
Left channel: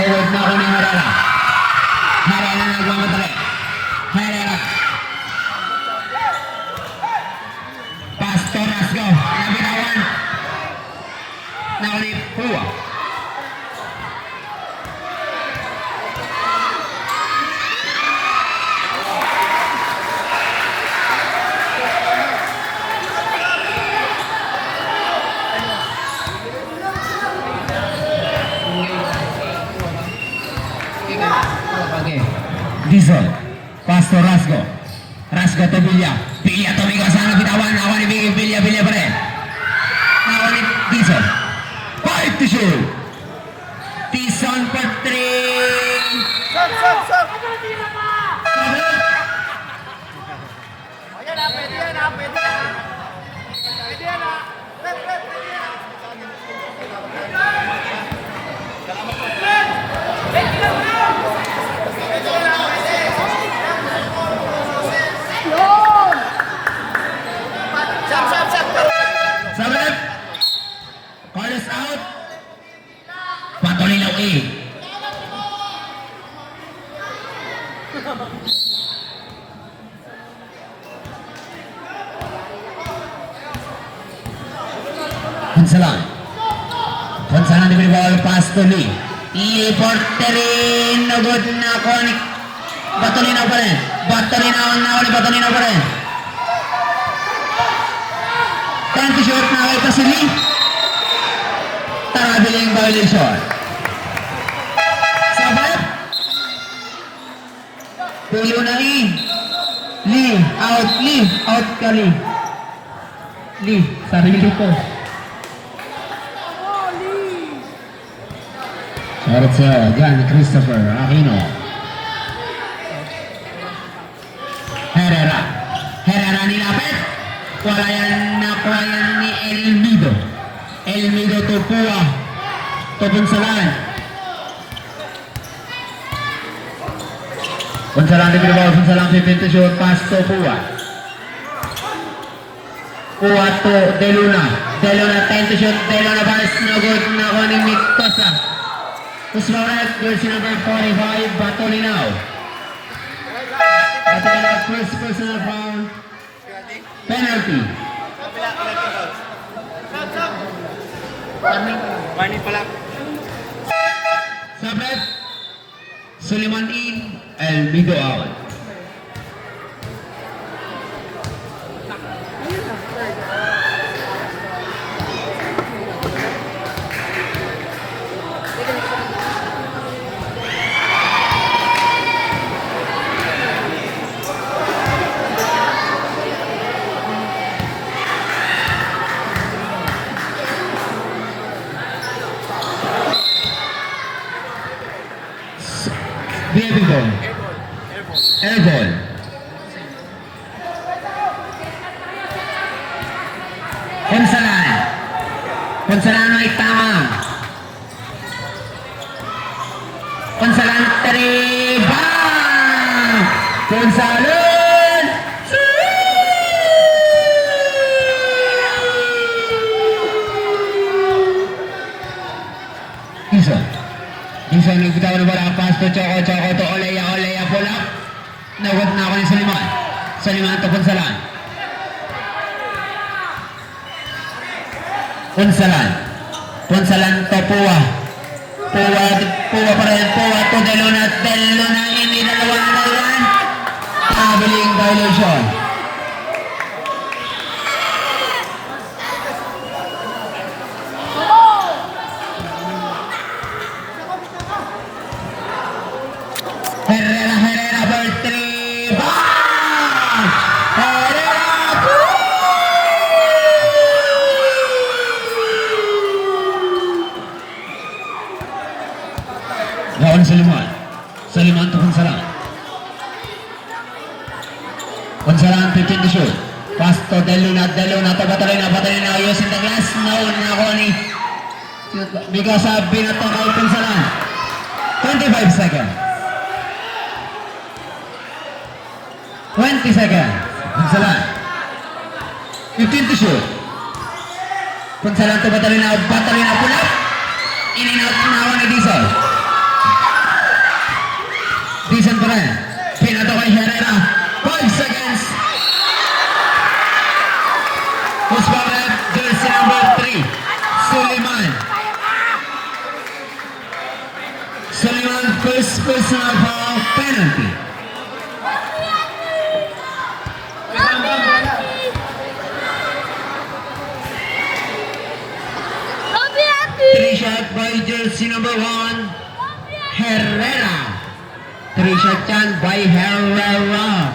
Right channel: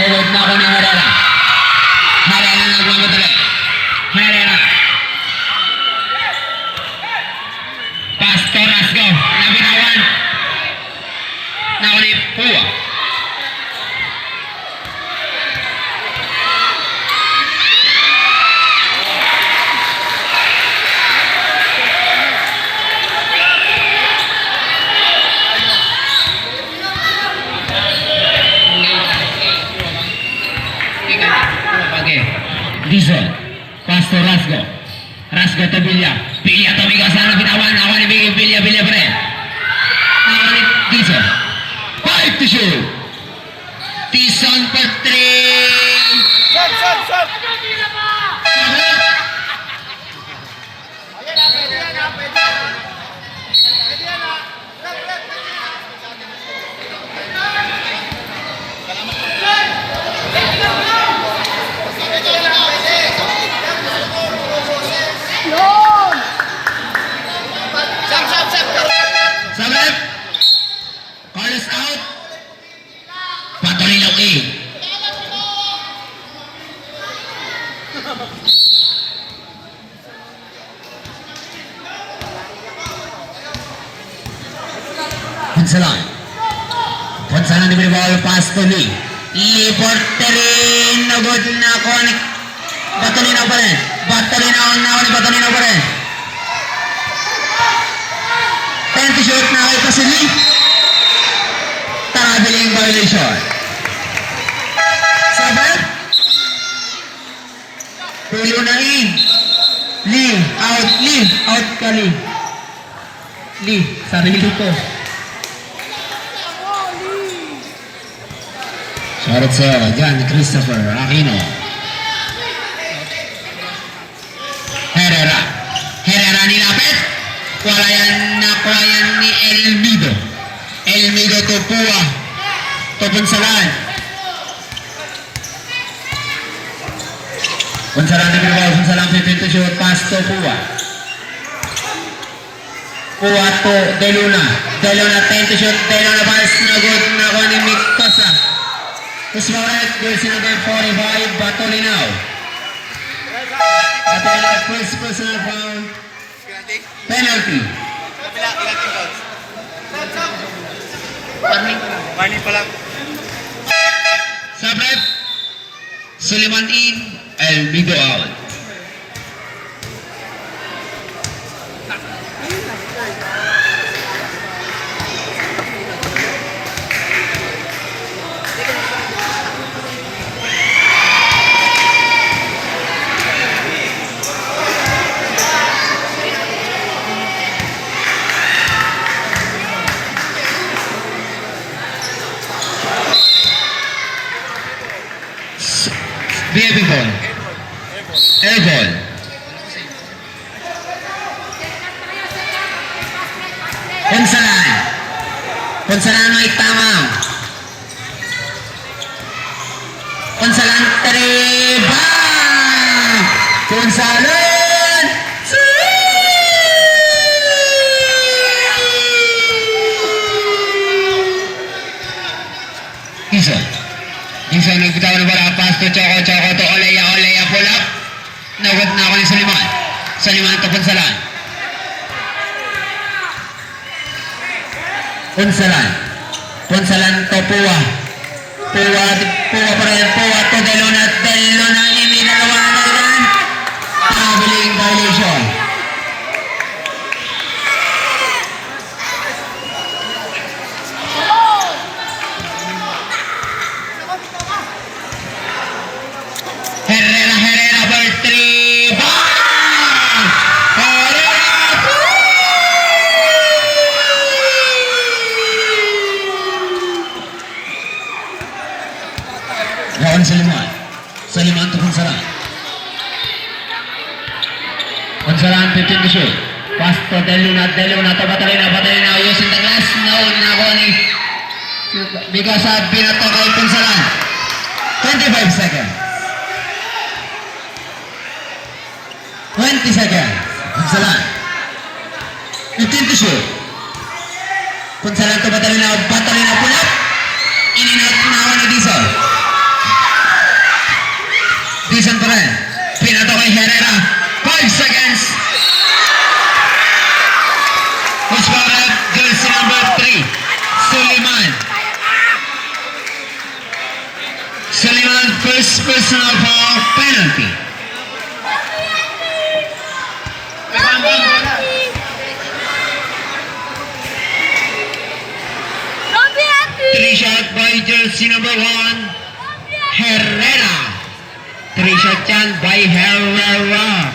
Nagot na ako ni Herrera. Herrera nagmamadali. Herrera. Pass to Rasco. Nabitawan. Nako ni Pua. Diesel, pass to Rasco to Villa tumigos na bitawan, ako ni Villa pa rin. Ako ni Diesel, 5 to shoot. Tison pa 3. Sabat, Carlos out. Patuloy lang Punsalan ni ball pass to Lee. Lee for 3. Nagod na ako ni Batolinaw pa rin. Batolinaw pa rin. 10 to shoot na ito si Lee. Tarabiling violation. Sabat. Tulo na Lee. Out ka Lee. Sarili ko. Shoutout sa John Christopher Aquino. Herrera nilapit. Wala yan ni Elmido to Pua. To Punsalan. Punsalan 15 to shoot, pass to Pua. Puwato De Luna. De Luna 10 to shoot. De Luna pass. No good. Nakuha ni Mikosa. Ismarat, jersey number 45, Batolinaw. Batolinaw, first personal foul. Penalty. Warning pala. Sabret. Suleiman in. Elmigo out. VIP ball. Air ball. Ponsalan. Ponsalan ay tama. Ponsalan terima. Ponsalan. Isa. Isa nagbitaw na bola, pass to Choco, Choco to Oleya, Oleya, pull up. Nawag na ako ni Suliman. Suliman to Ponsalan. Ponsalan. Ponsalan to Puwa. Puwa pa rin, Puwa to De Luna. De Luna, hindi dalawa na rin. Traveling violation. Herrera for 3. Bang! Herrera! Lawan Suliman. Suliman to Ponsalan. Ponsalan 15 to shoot. Pass to De Luna to Batolina using the glass. No, nakakuha ni Mikosa, binato kay Ponsalan. 25 seconds. 20 seconds. Ponsalan. 15 to shoot. Ponsalan to Batolina pull up. Ininot na ako ni Dizon. Dizon pa rin. Pinato kay Herrera. 5 seconds. Usparat, jersey number 3. Suliman. Suliman, first personal foul, penalty. Three shot by jersey number 1, Herrera. 3 shot yan by Herrera.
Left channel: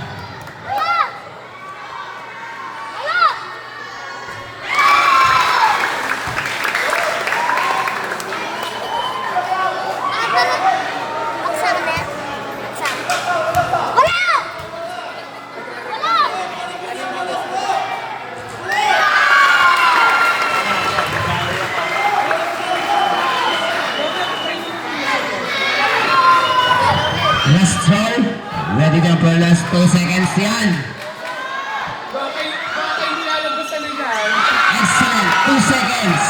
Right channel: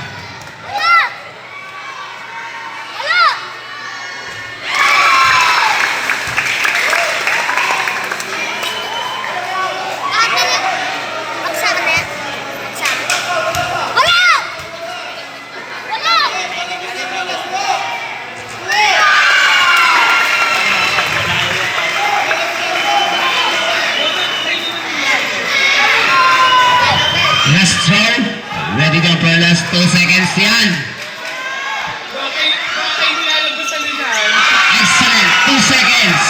Last throw. Ready ka for last 2 seconds yan. Bakit nilalabas sa linan? Excellent. 2 seconds.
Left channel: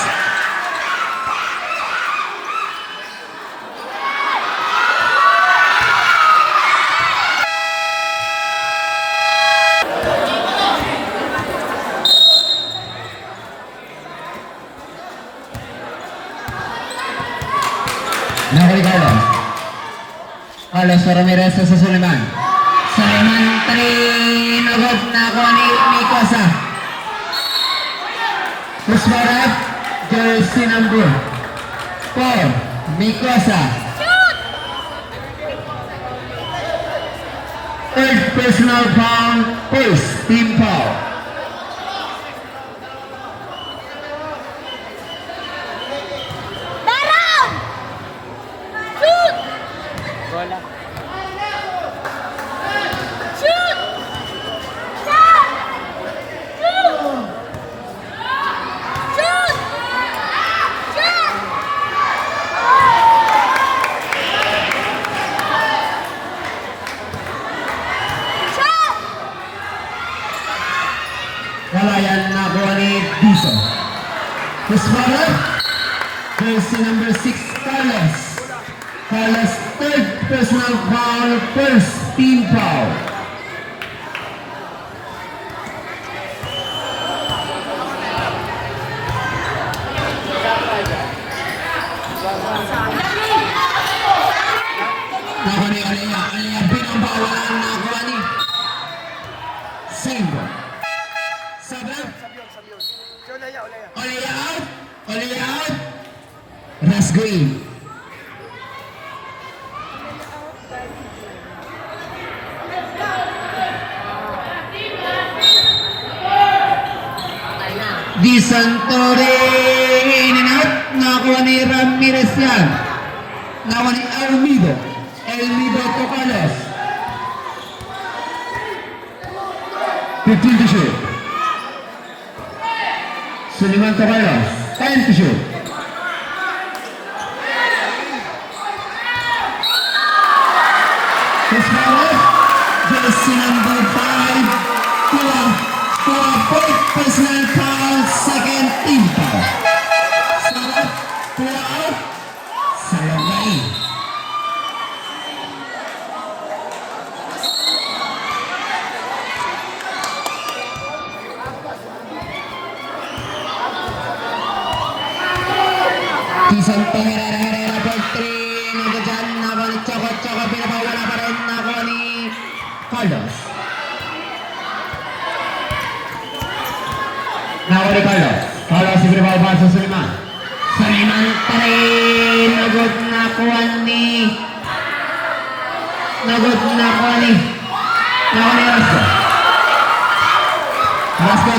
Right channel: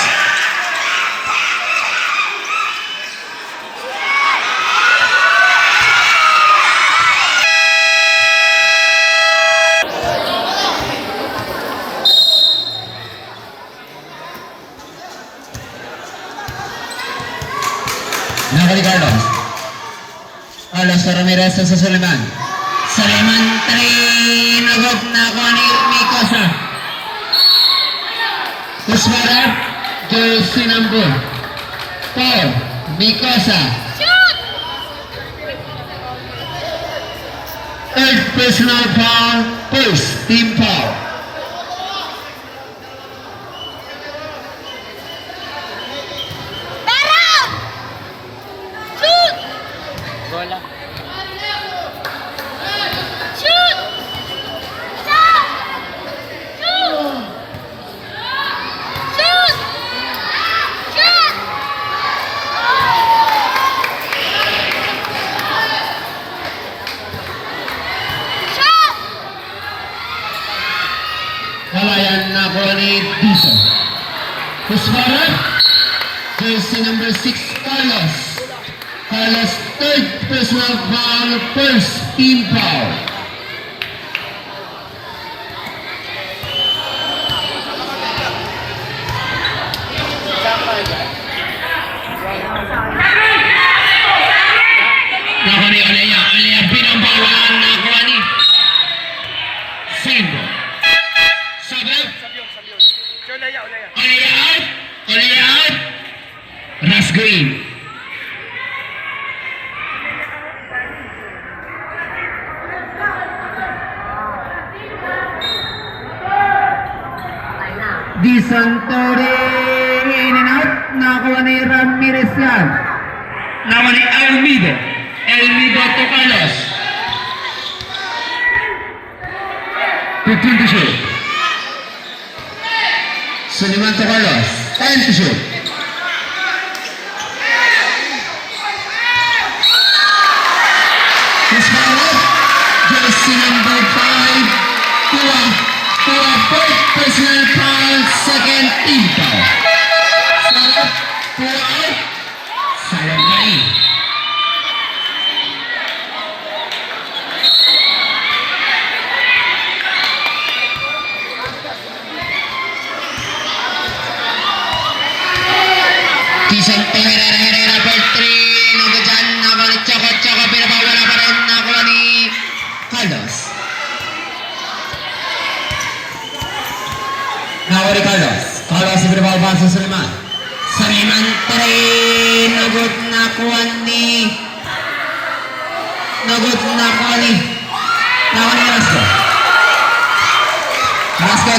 Nakaligaw. Alos Ramirez sa Suliman. Suliman 3. Nagod na ako ni Mikosa. Usparat, jersey number 4. Mikosa. Third personal foul. First team foul. Bola. Kawayan na bola Who's foul? Jersey number 6, Carlos. Carlos, third personal foul, first team foul. Nakuha ni Olea. Olea pinambawalan. Nakuha ni Sendo. Sabi? Olea out. Olea out. Rasgo in. Di Santore in and out. Nakuha ni Ramirez yan. Nakuha ni Elmido. Elmido to Carlos. 15 to shoot. Suliman to Carlos. 10 to shoot. Who's fouled? Jersey number 5. Tua. Fourth personal foul. Second team foul. Salat. Tua out. Sayang na eh. Santo Herrera for 3. Nago dyan. Nakuha ni Choco. Pinapawala pa rin. Nakuha ni Carlos. Nakuha ni Carlos. Carlos pinapawala sa Suliman. Suliman pa rin. Nagod nakuha ni Rasco. Rasco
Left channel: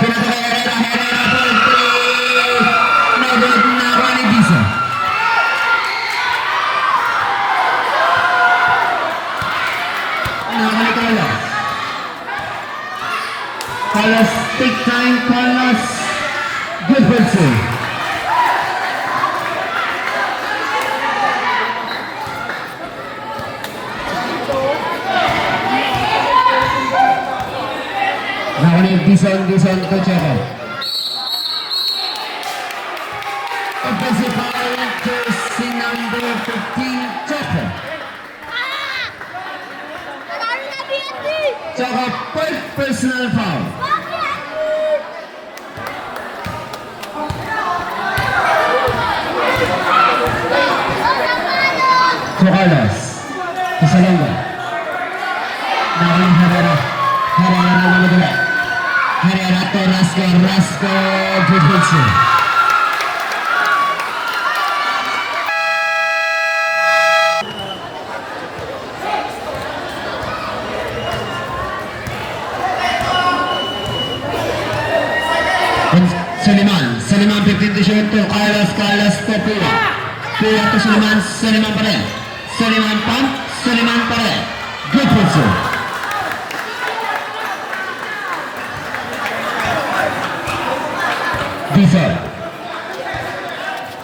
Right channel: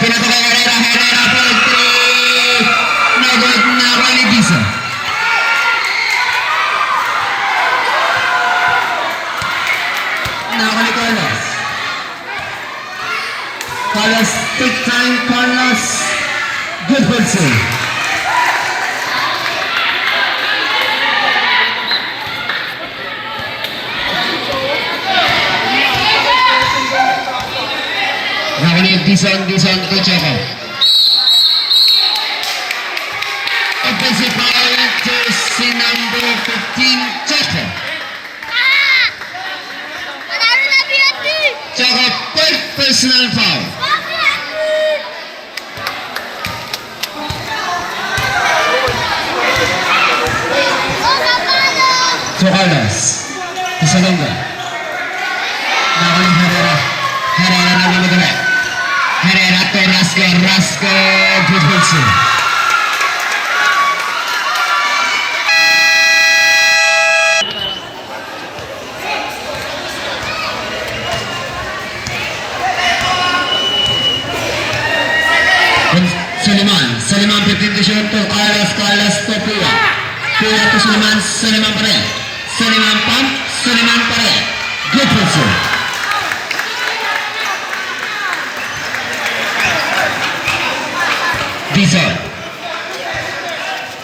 pinatagay Herrera for 3. Nagod nakuha ni Disa. Nakuha ni Carlos. Carlos, big time Carlos. Good save. Nakuha ni Dison to Choco. Offensive foul, jersey number 15, Choco. Choco, fourth personal foul. To Carlos. Isalonga. Nakuha ni Herrera. Herrera na namadala. Herrera to Rasco. Good save. Suliman 15 to shoot to Carlos to Pua to Suliman pa rin. Suliman pa rin. Good pulso.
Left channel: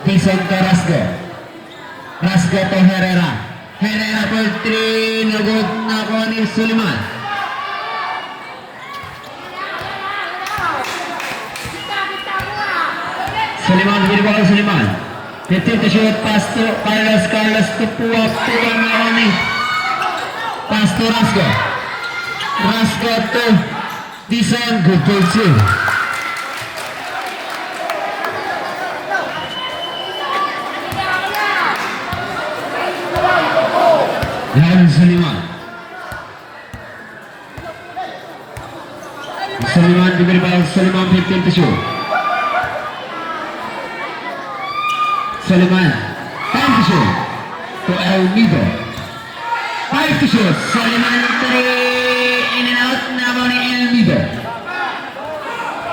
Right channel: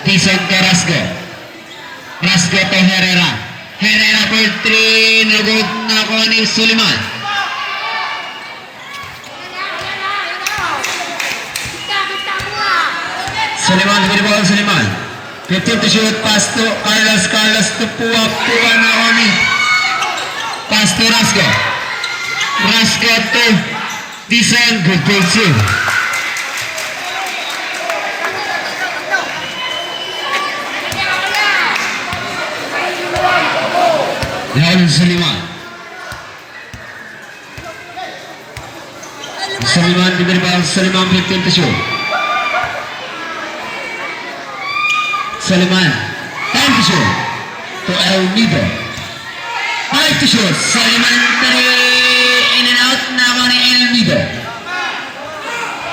Dison to Rasco to Herrera for 3. Nagod nakuha ni Suliman. Suliman. 15 to shoot, pass to Carlos to Pua nakuha ni. Pass to Rasco to Dison. Good pulso. Lawan Suliman diberi bal. Suliman 15 to shoot. Suliman 10 to shoot to Elmido. 5 to shoot. Suliman 3 in and out. Nakuha ni Elmido.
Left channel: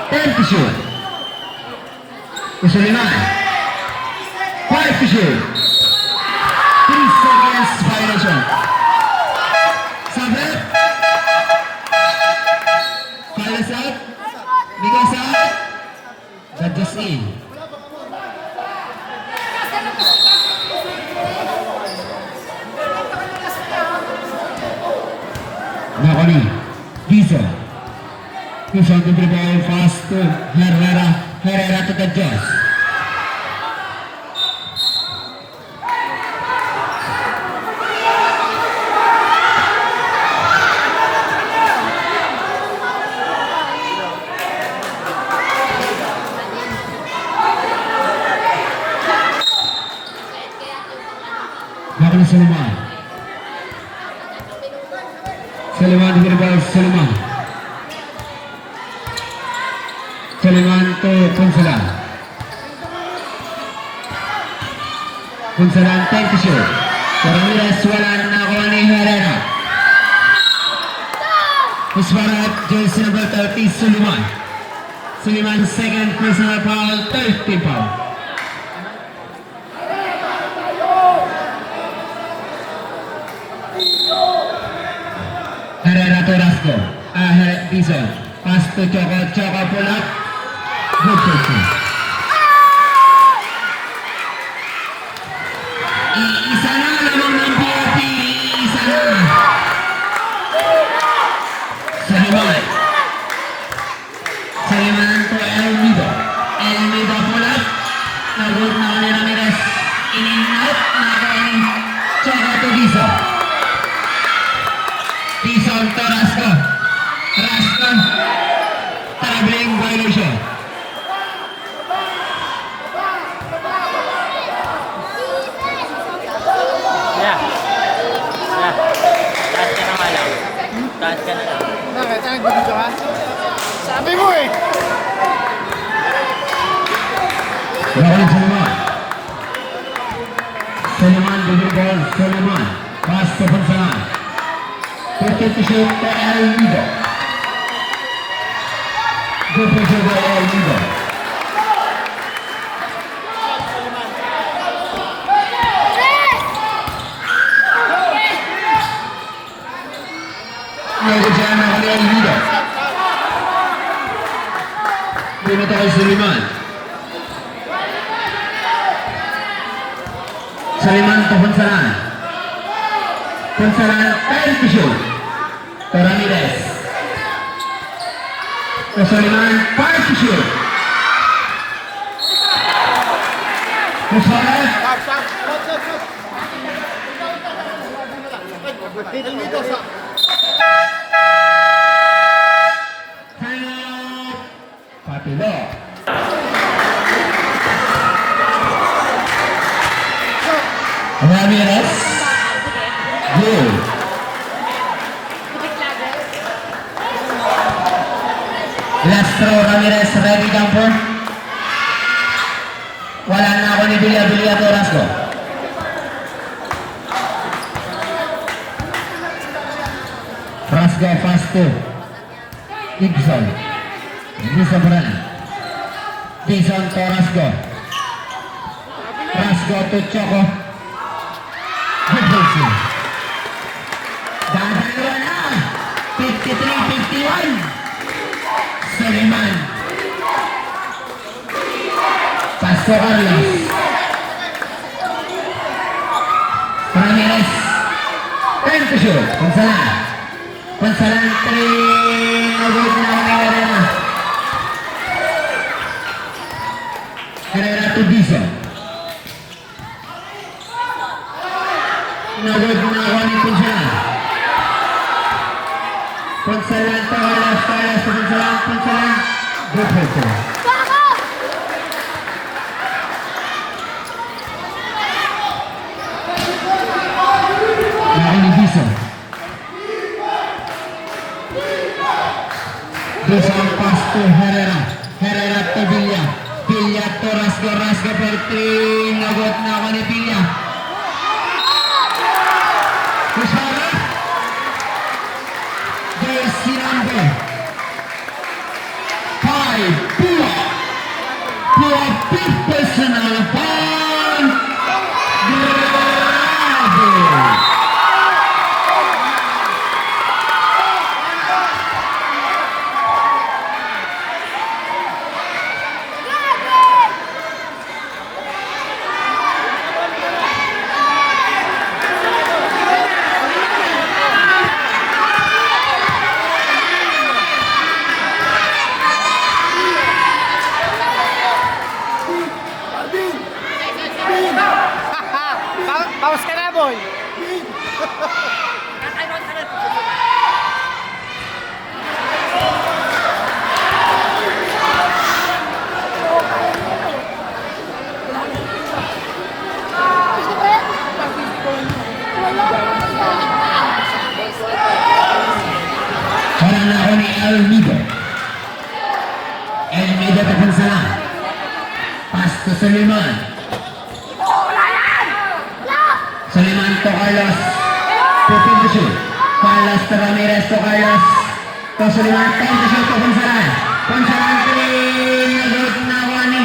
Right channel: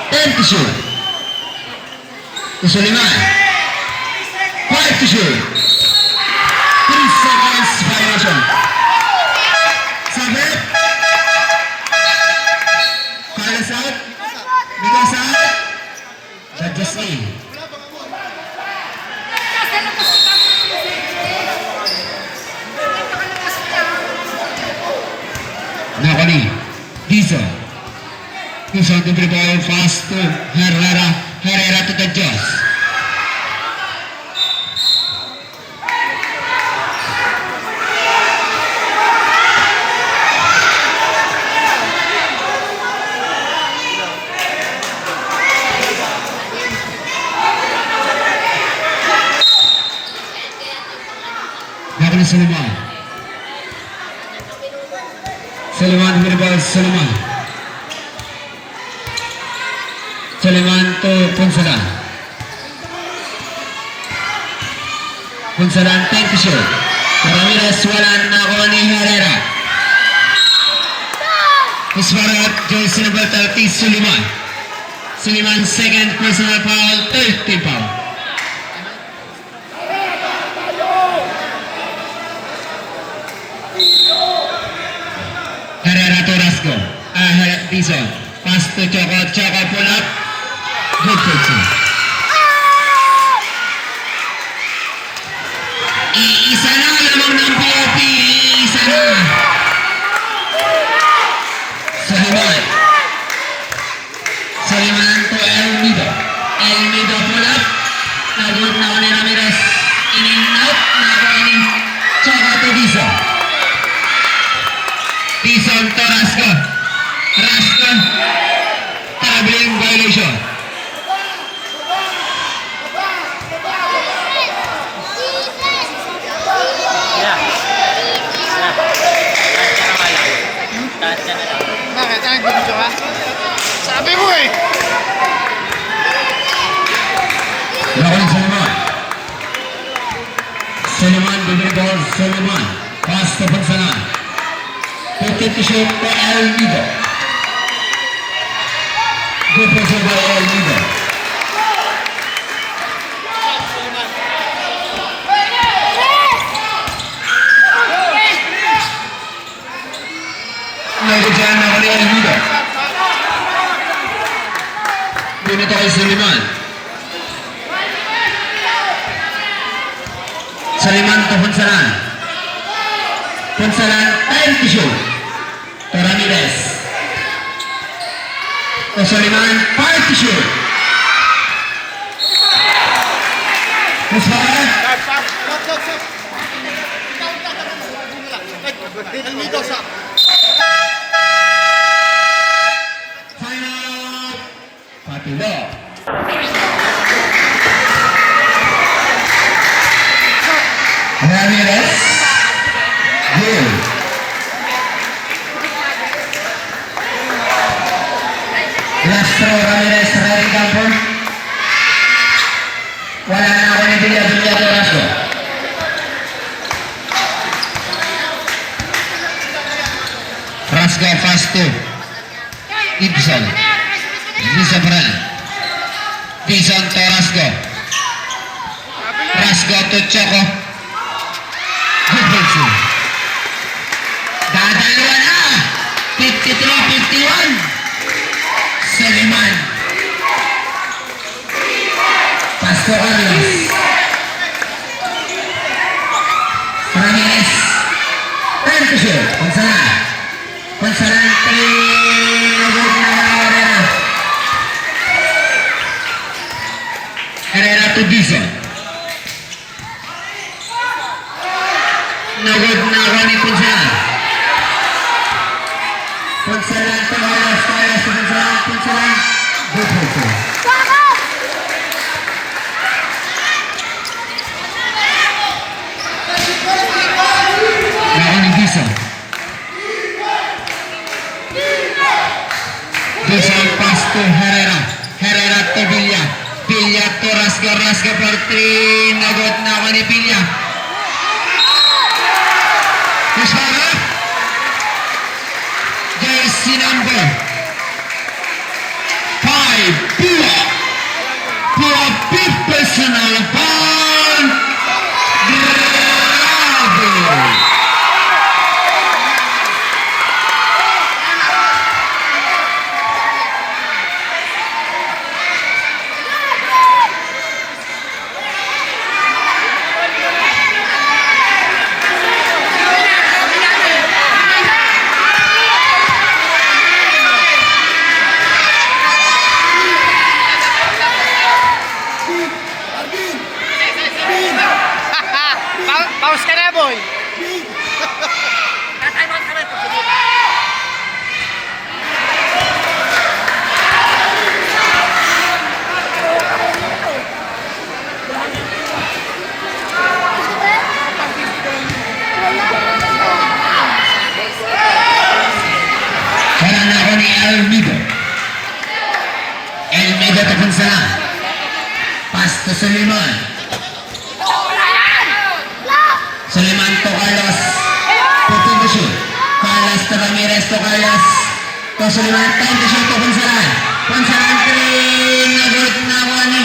10 to shoot to Suliman. 5 to shoot. 3 seconds violation. Sabit. Carlos out. Migos out. Judges in. Nakani. Disa to ball fast to Herrera. Herrera to the Joss. Back to Suleiman. Suleiman with the ball, Suleiman. Suleiman to Punsalan. Punsalan 10 to shoot. Ramirez wala na ako ni Herrera. Pusparat jersey number 30 Suleiman. Suleiman second personal foul, 30 foul. Herrera to Rasco. Dizon. Pass to Choco. Choco pull up. Good pitching. Iisa na lamang ng POP. Iisa na. Suleiman. Suleiman to Elmido. Elmido pull up. Nagod na ni Ramirez. In and out. Nagod ni Choco to Dizon. Dizon to Rasco. Rasco. Traveling violation. Yeah. Kaya na lang. Sabi mo eh! Lawan Suleiman. Suleiman bibig ball. Suleiman. Pass to Punsalan. Put to shoot to Elmido. Good pressure by Elmido. Nagudyan na kali Elmido. Binito kay Suleiman. Suleiman to Punsalan. Punsalan 10 to shoot. To Ramirez. To Suleiman 5 to shoot. Pusparat. Stop! Elmido sa... Time out. Patulo. Ramirez. Gil. Last throw Ramirez sa dating kampo. Wala na ako ni Bilya to Rasco. Rasco fast to Ibson. Ibson Bran. Ibson to Rasco. Rasco to Choco. Good pitching. Dadalawa na. 53-51. Suleiman. Pasto Carlos. Ramirez. 10 to shoot. Punsalan. Punsalan 3. Nagod na Herrera. Herrera to Dizon. Nagod na ako ni Punsalan. Punsalan to Herrera. Punsalan. Good pitching. Meron ni Dizon. Dizon pass to Herrera. Herrera to Villa. Villa to Rasco. Rasco for 3. Nagod na ako ni Villa. Pushara. Jersey number 5. Pua. Pua big personal foul. Bravo. boy. Harang na ako ni Elmido. Elmido tapon sila. Pass to Suleiman. Suleiman to Carlos. Putin to shoot. Carlos to Ramirez to Carlos. To Suleiman. Time to shoot to Ponsalan. Ponsalan 3. Nagod na ako ni.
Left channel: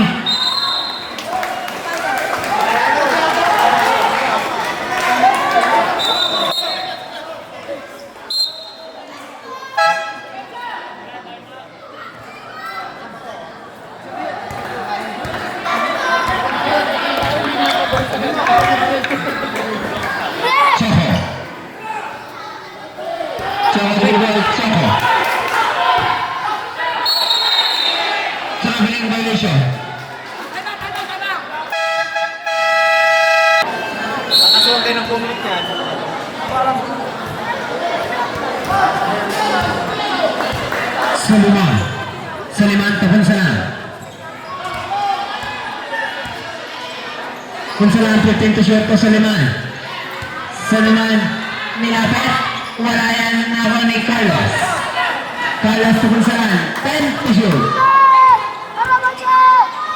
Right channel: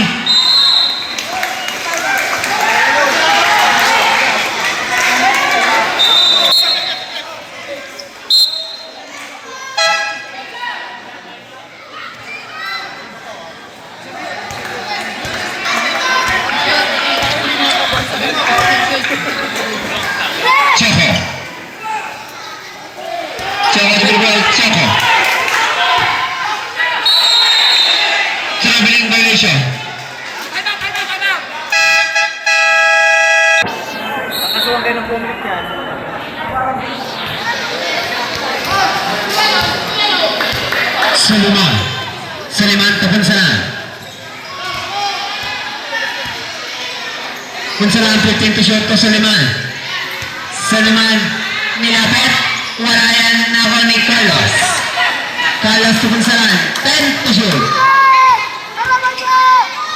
Choco. Choco dribble, Choco. Traveling violation. Kakasuhan kayo ng pumilit yan. Suleiman. Suleiman to Ponsalan. Ponsalan 15 to shoot to Suleiman. Suleiman nilapit. Wala yan na ako ni Carlos. Carlos to Ponsalan. 10 to shoot.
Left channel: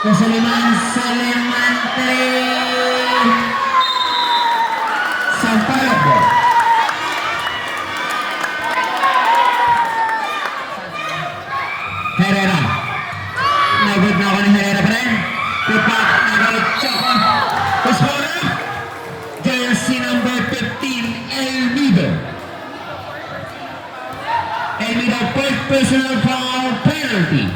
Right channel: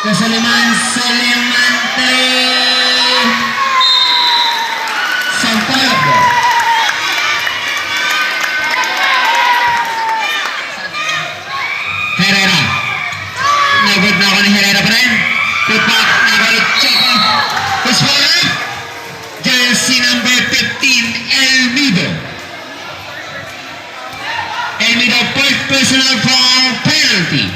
To Suleiman. Suleiman 3. Sampaio. Herrera. Nagod na ako ni Herrera pa rin. Put back. Nagod Choco. Puswala. Jersey number 15, Elmido. Elmido, fourth personal foul penalty.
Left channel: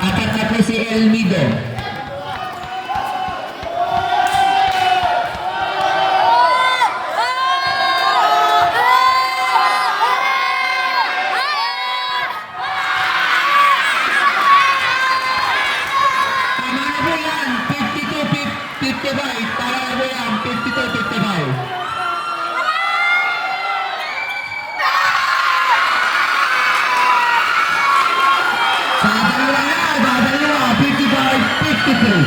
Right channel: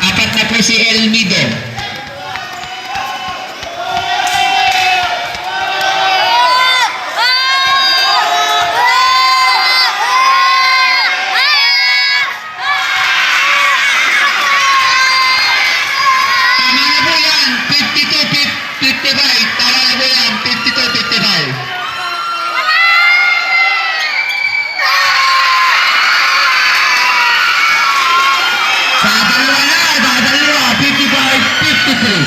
Apat na po si Elmido. Tama na po yan, 52-55. Tama na po yan, 52-55. Dadalawa, 55-53.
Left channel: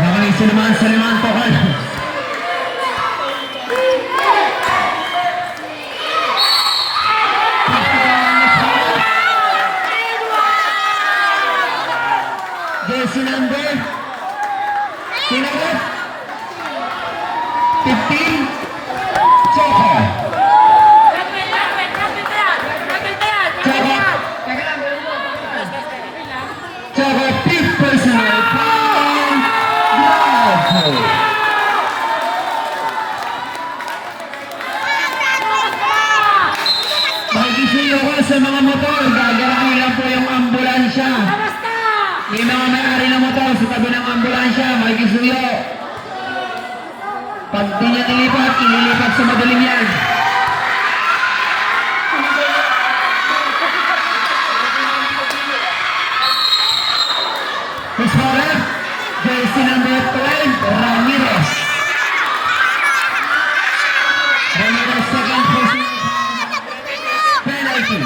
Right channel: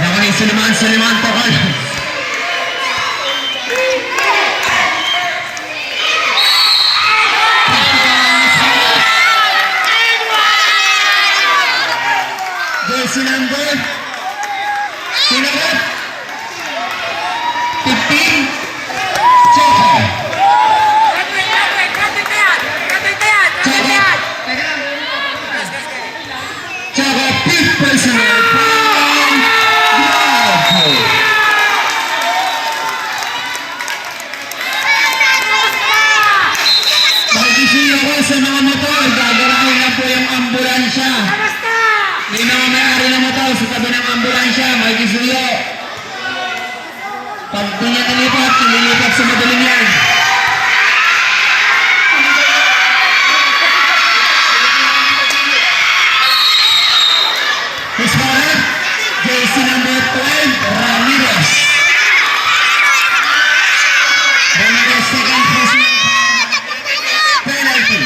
Nagaling Suleiman to Carlos. Jersey number sinagot 15 Choco. Choco, fifth personal foul. Bravo. Mag-issue ako sa mga motor. Gagawin lang po yung ambulansya. May mga may-ari na motor sa tabi ng ambulansya. Mag-issue. Pag di niya nilipat sa madaling yan. His father, jersey number 12, Ramirez. Ramirez, second personal penalty.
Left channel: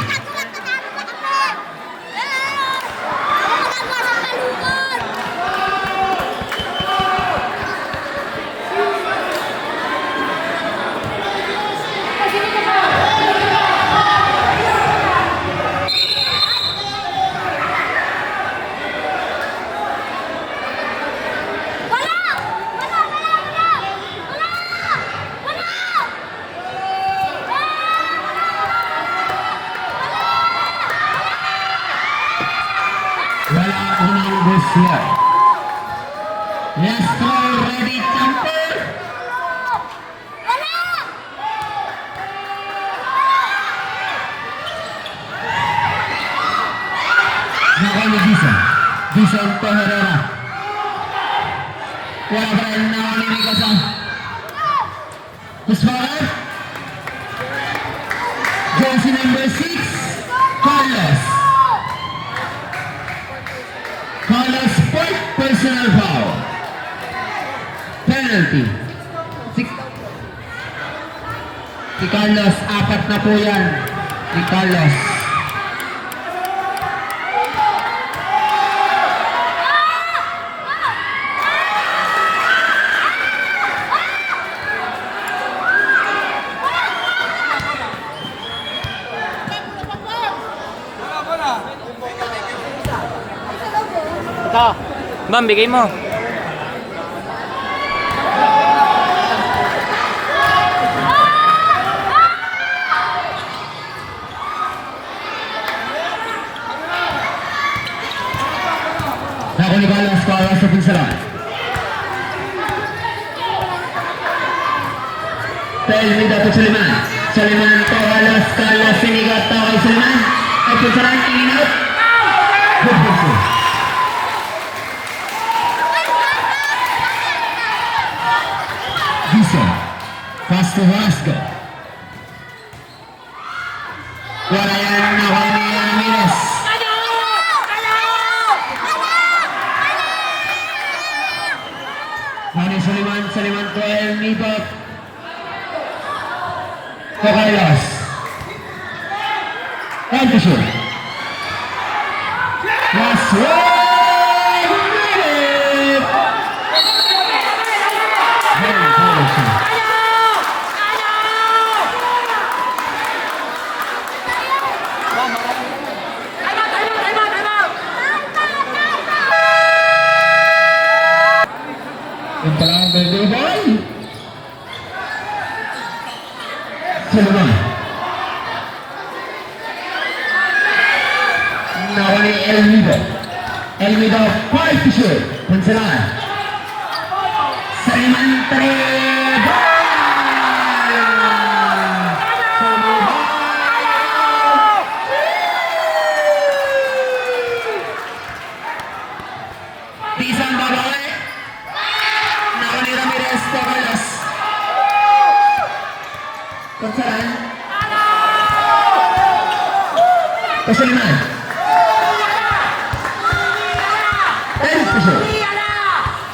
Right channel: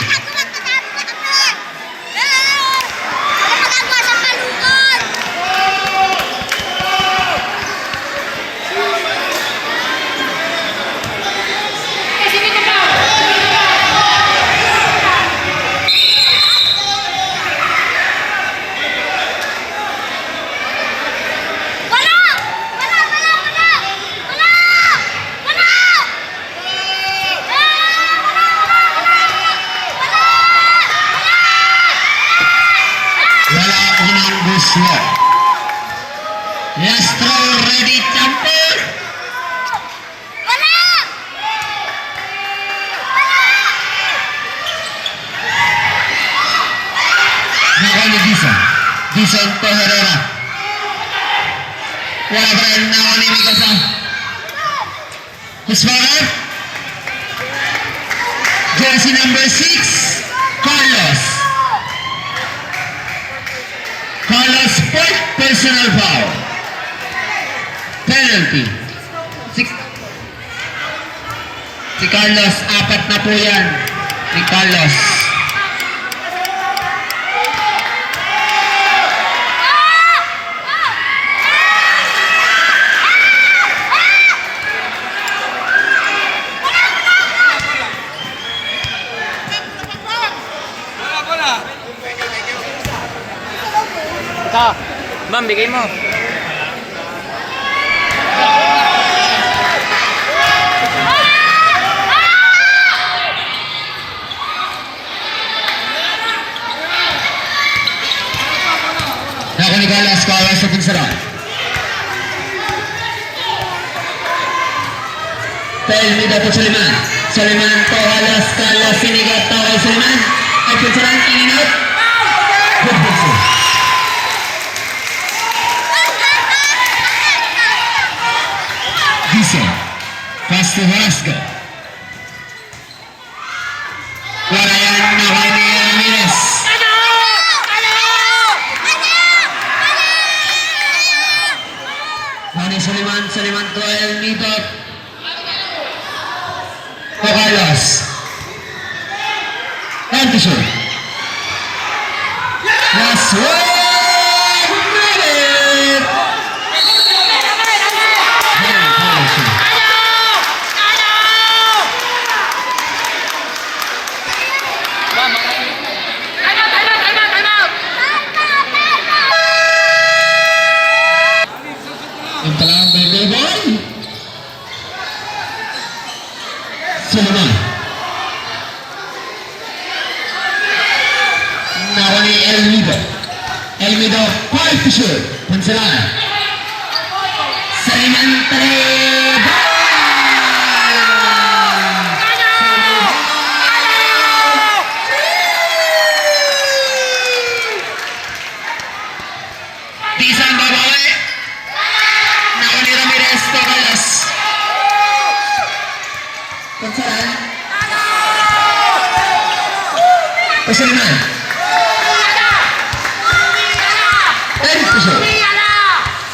Wala unang gusto. Last throw, ready, jumper. Nakay ni Dison. Dison to Herrera. Wala pa rin nakay ni Mikasa. His father. Jersey number 6, Carlos. Carlos, fourth personal foul. penalty. Si, si Carlos, 4 na po yan. Si Carlos. Ito. Ma'am, bigay mo. Naku ni Carlos, kawa sa pinsara. Dahil hindi dapat Suleiman. Suleiman to halos Carlos sinigat to kay Suleiman. Ay pinsara, ininit. Good pinsa. Dizon. Pass to Velasco. Wala yan nakuha ni Ramirez. Mani Suleiman, Suleiman to El Nidot. O Carlos. And to shoot. Last one! Nalit! Very powerful. Ma'am, Yung palang baby boy. Suleiman. Nawa ni El Nido. El Nido, 5 to shoot. Punsalan. Suleiman Treba. Dizon babawi. Nawa ni Ramirez Carlos. Punsalan. O Suleiman. And to shoot.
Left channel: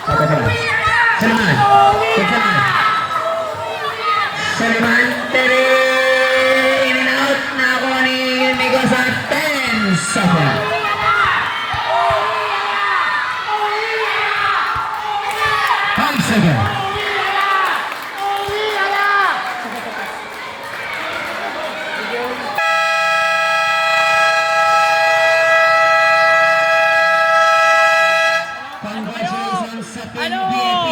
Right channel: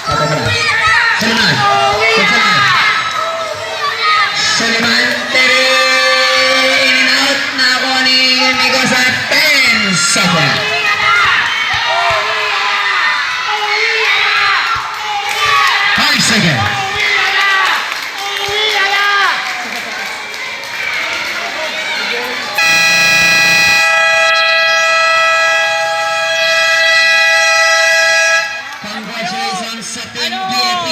Apa ba? Suleiman. Punsalan. Suleiman in out na ako ni Nico sa 10 seconds. 5 seconds. Congratulations sa Team BFP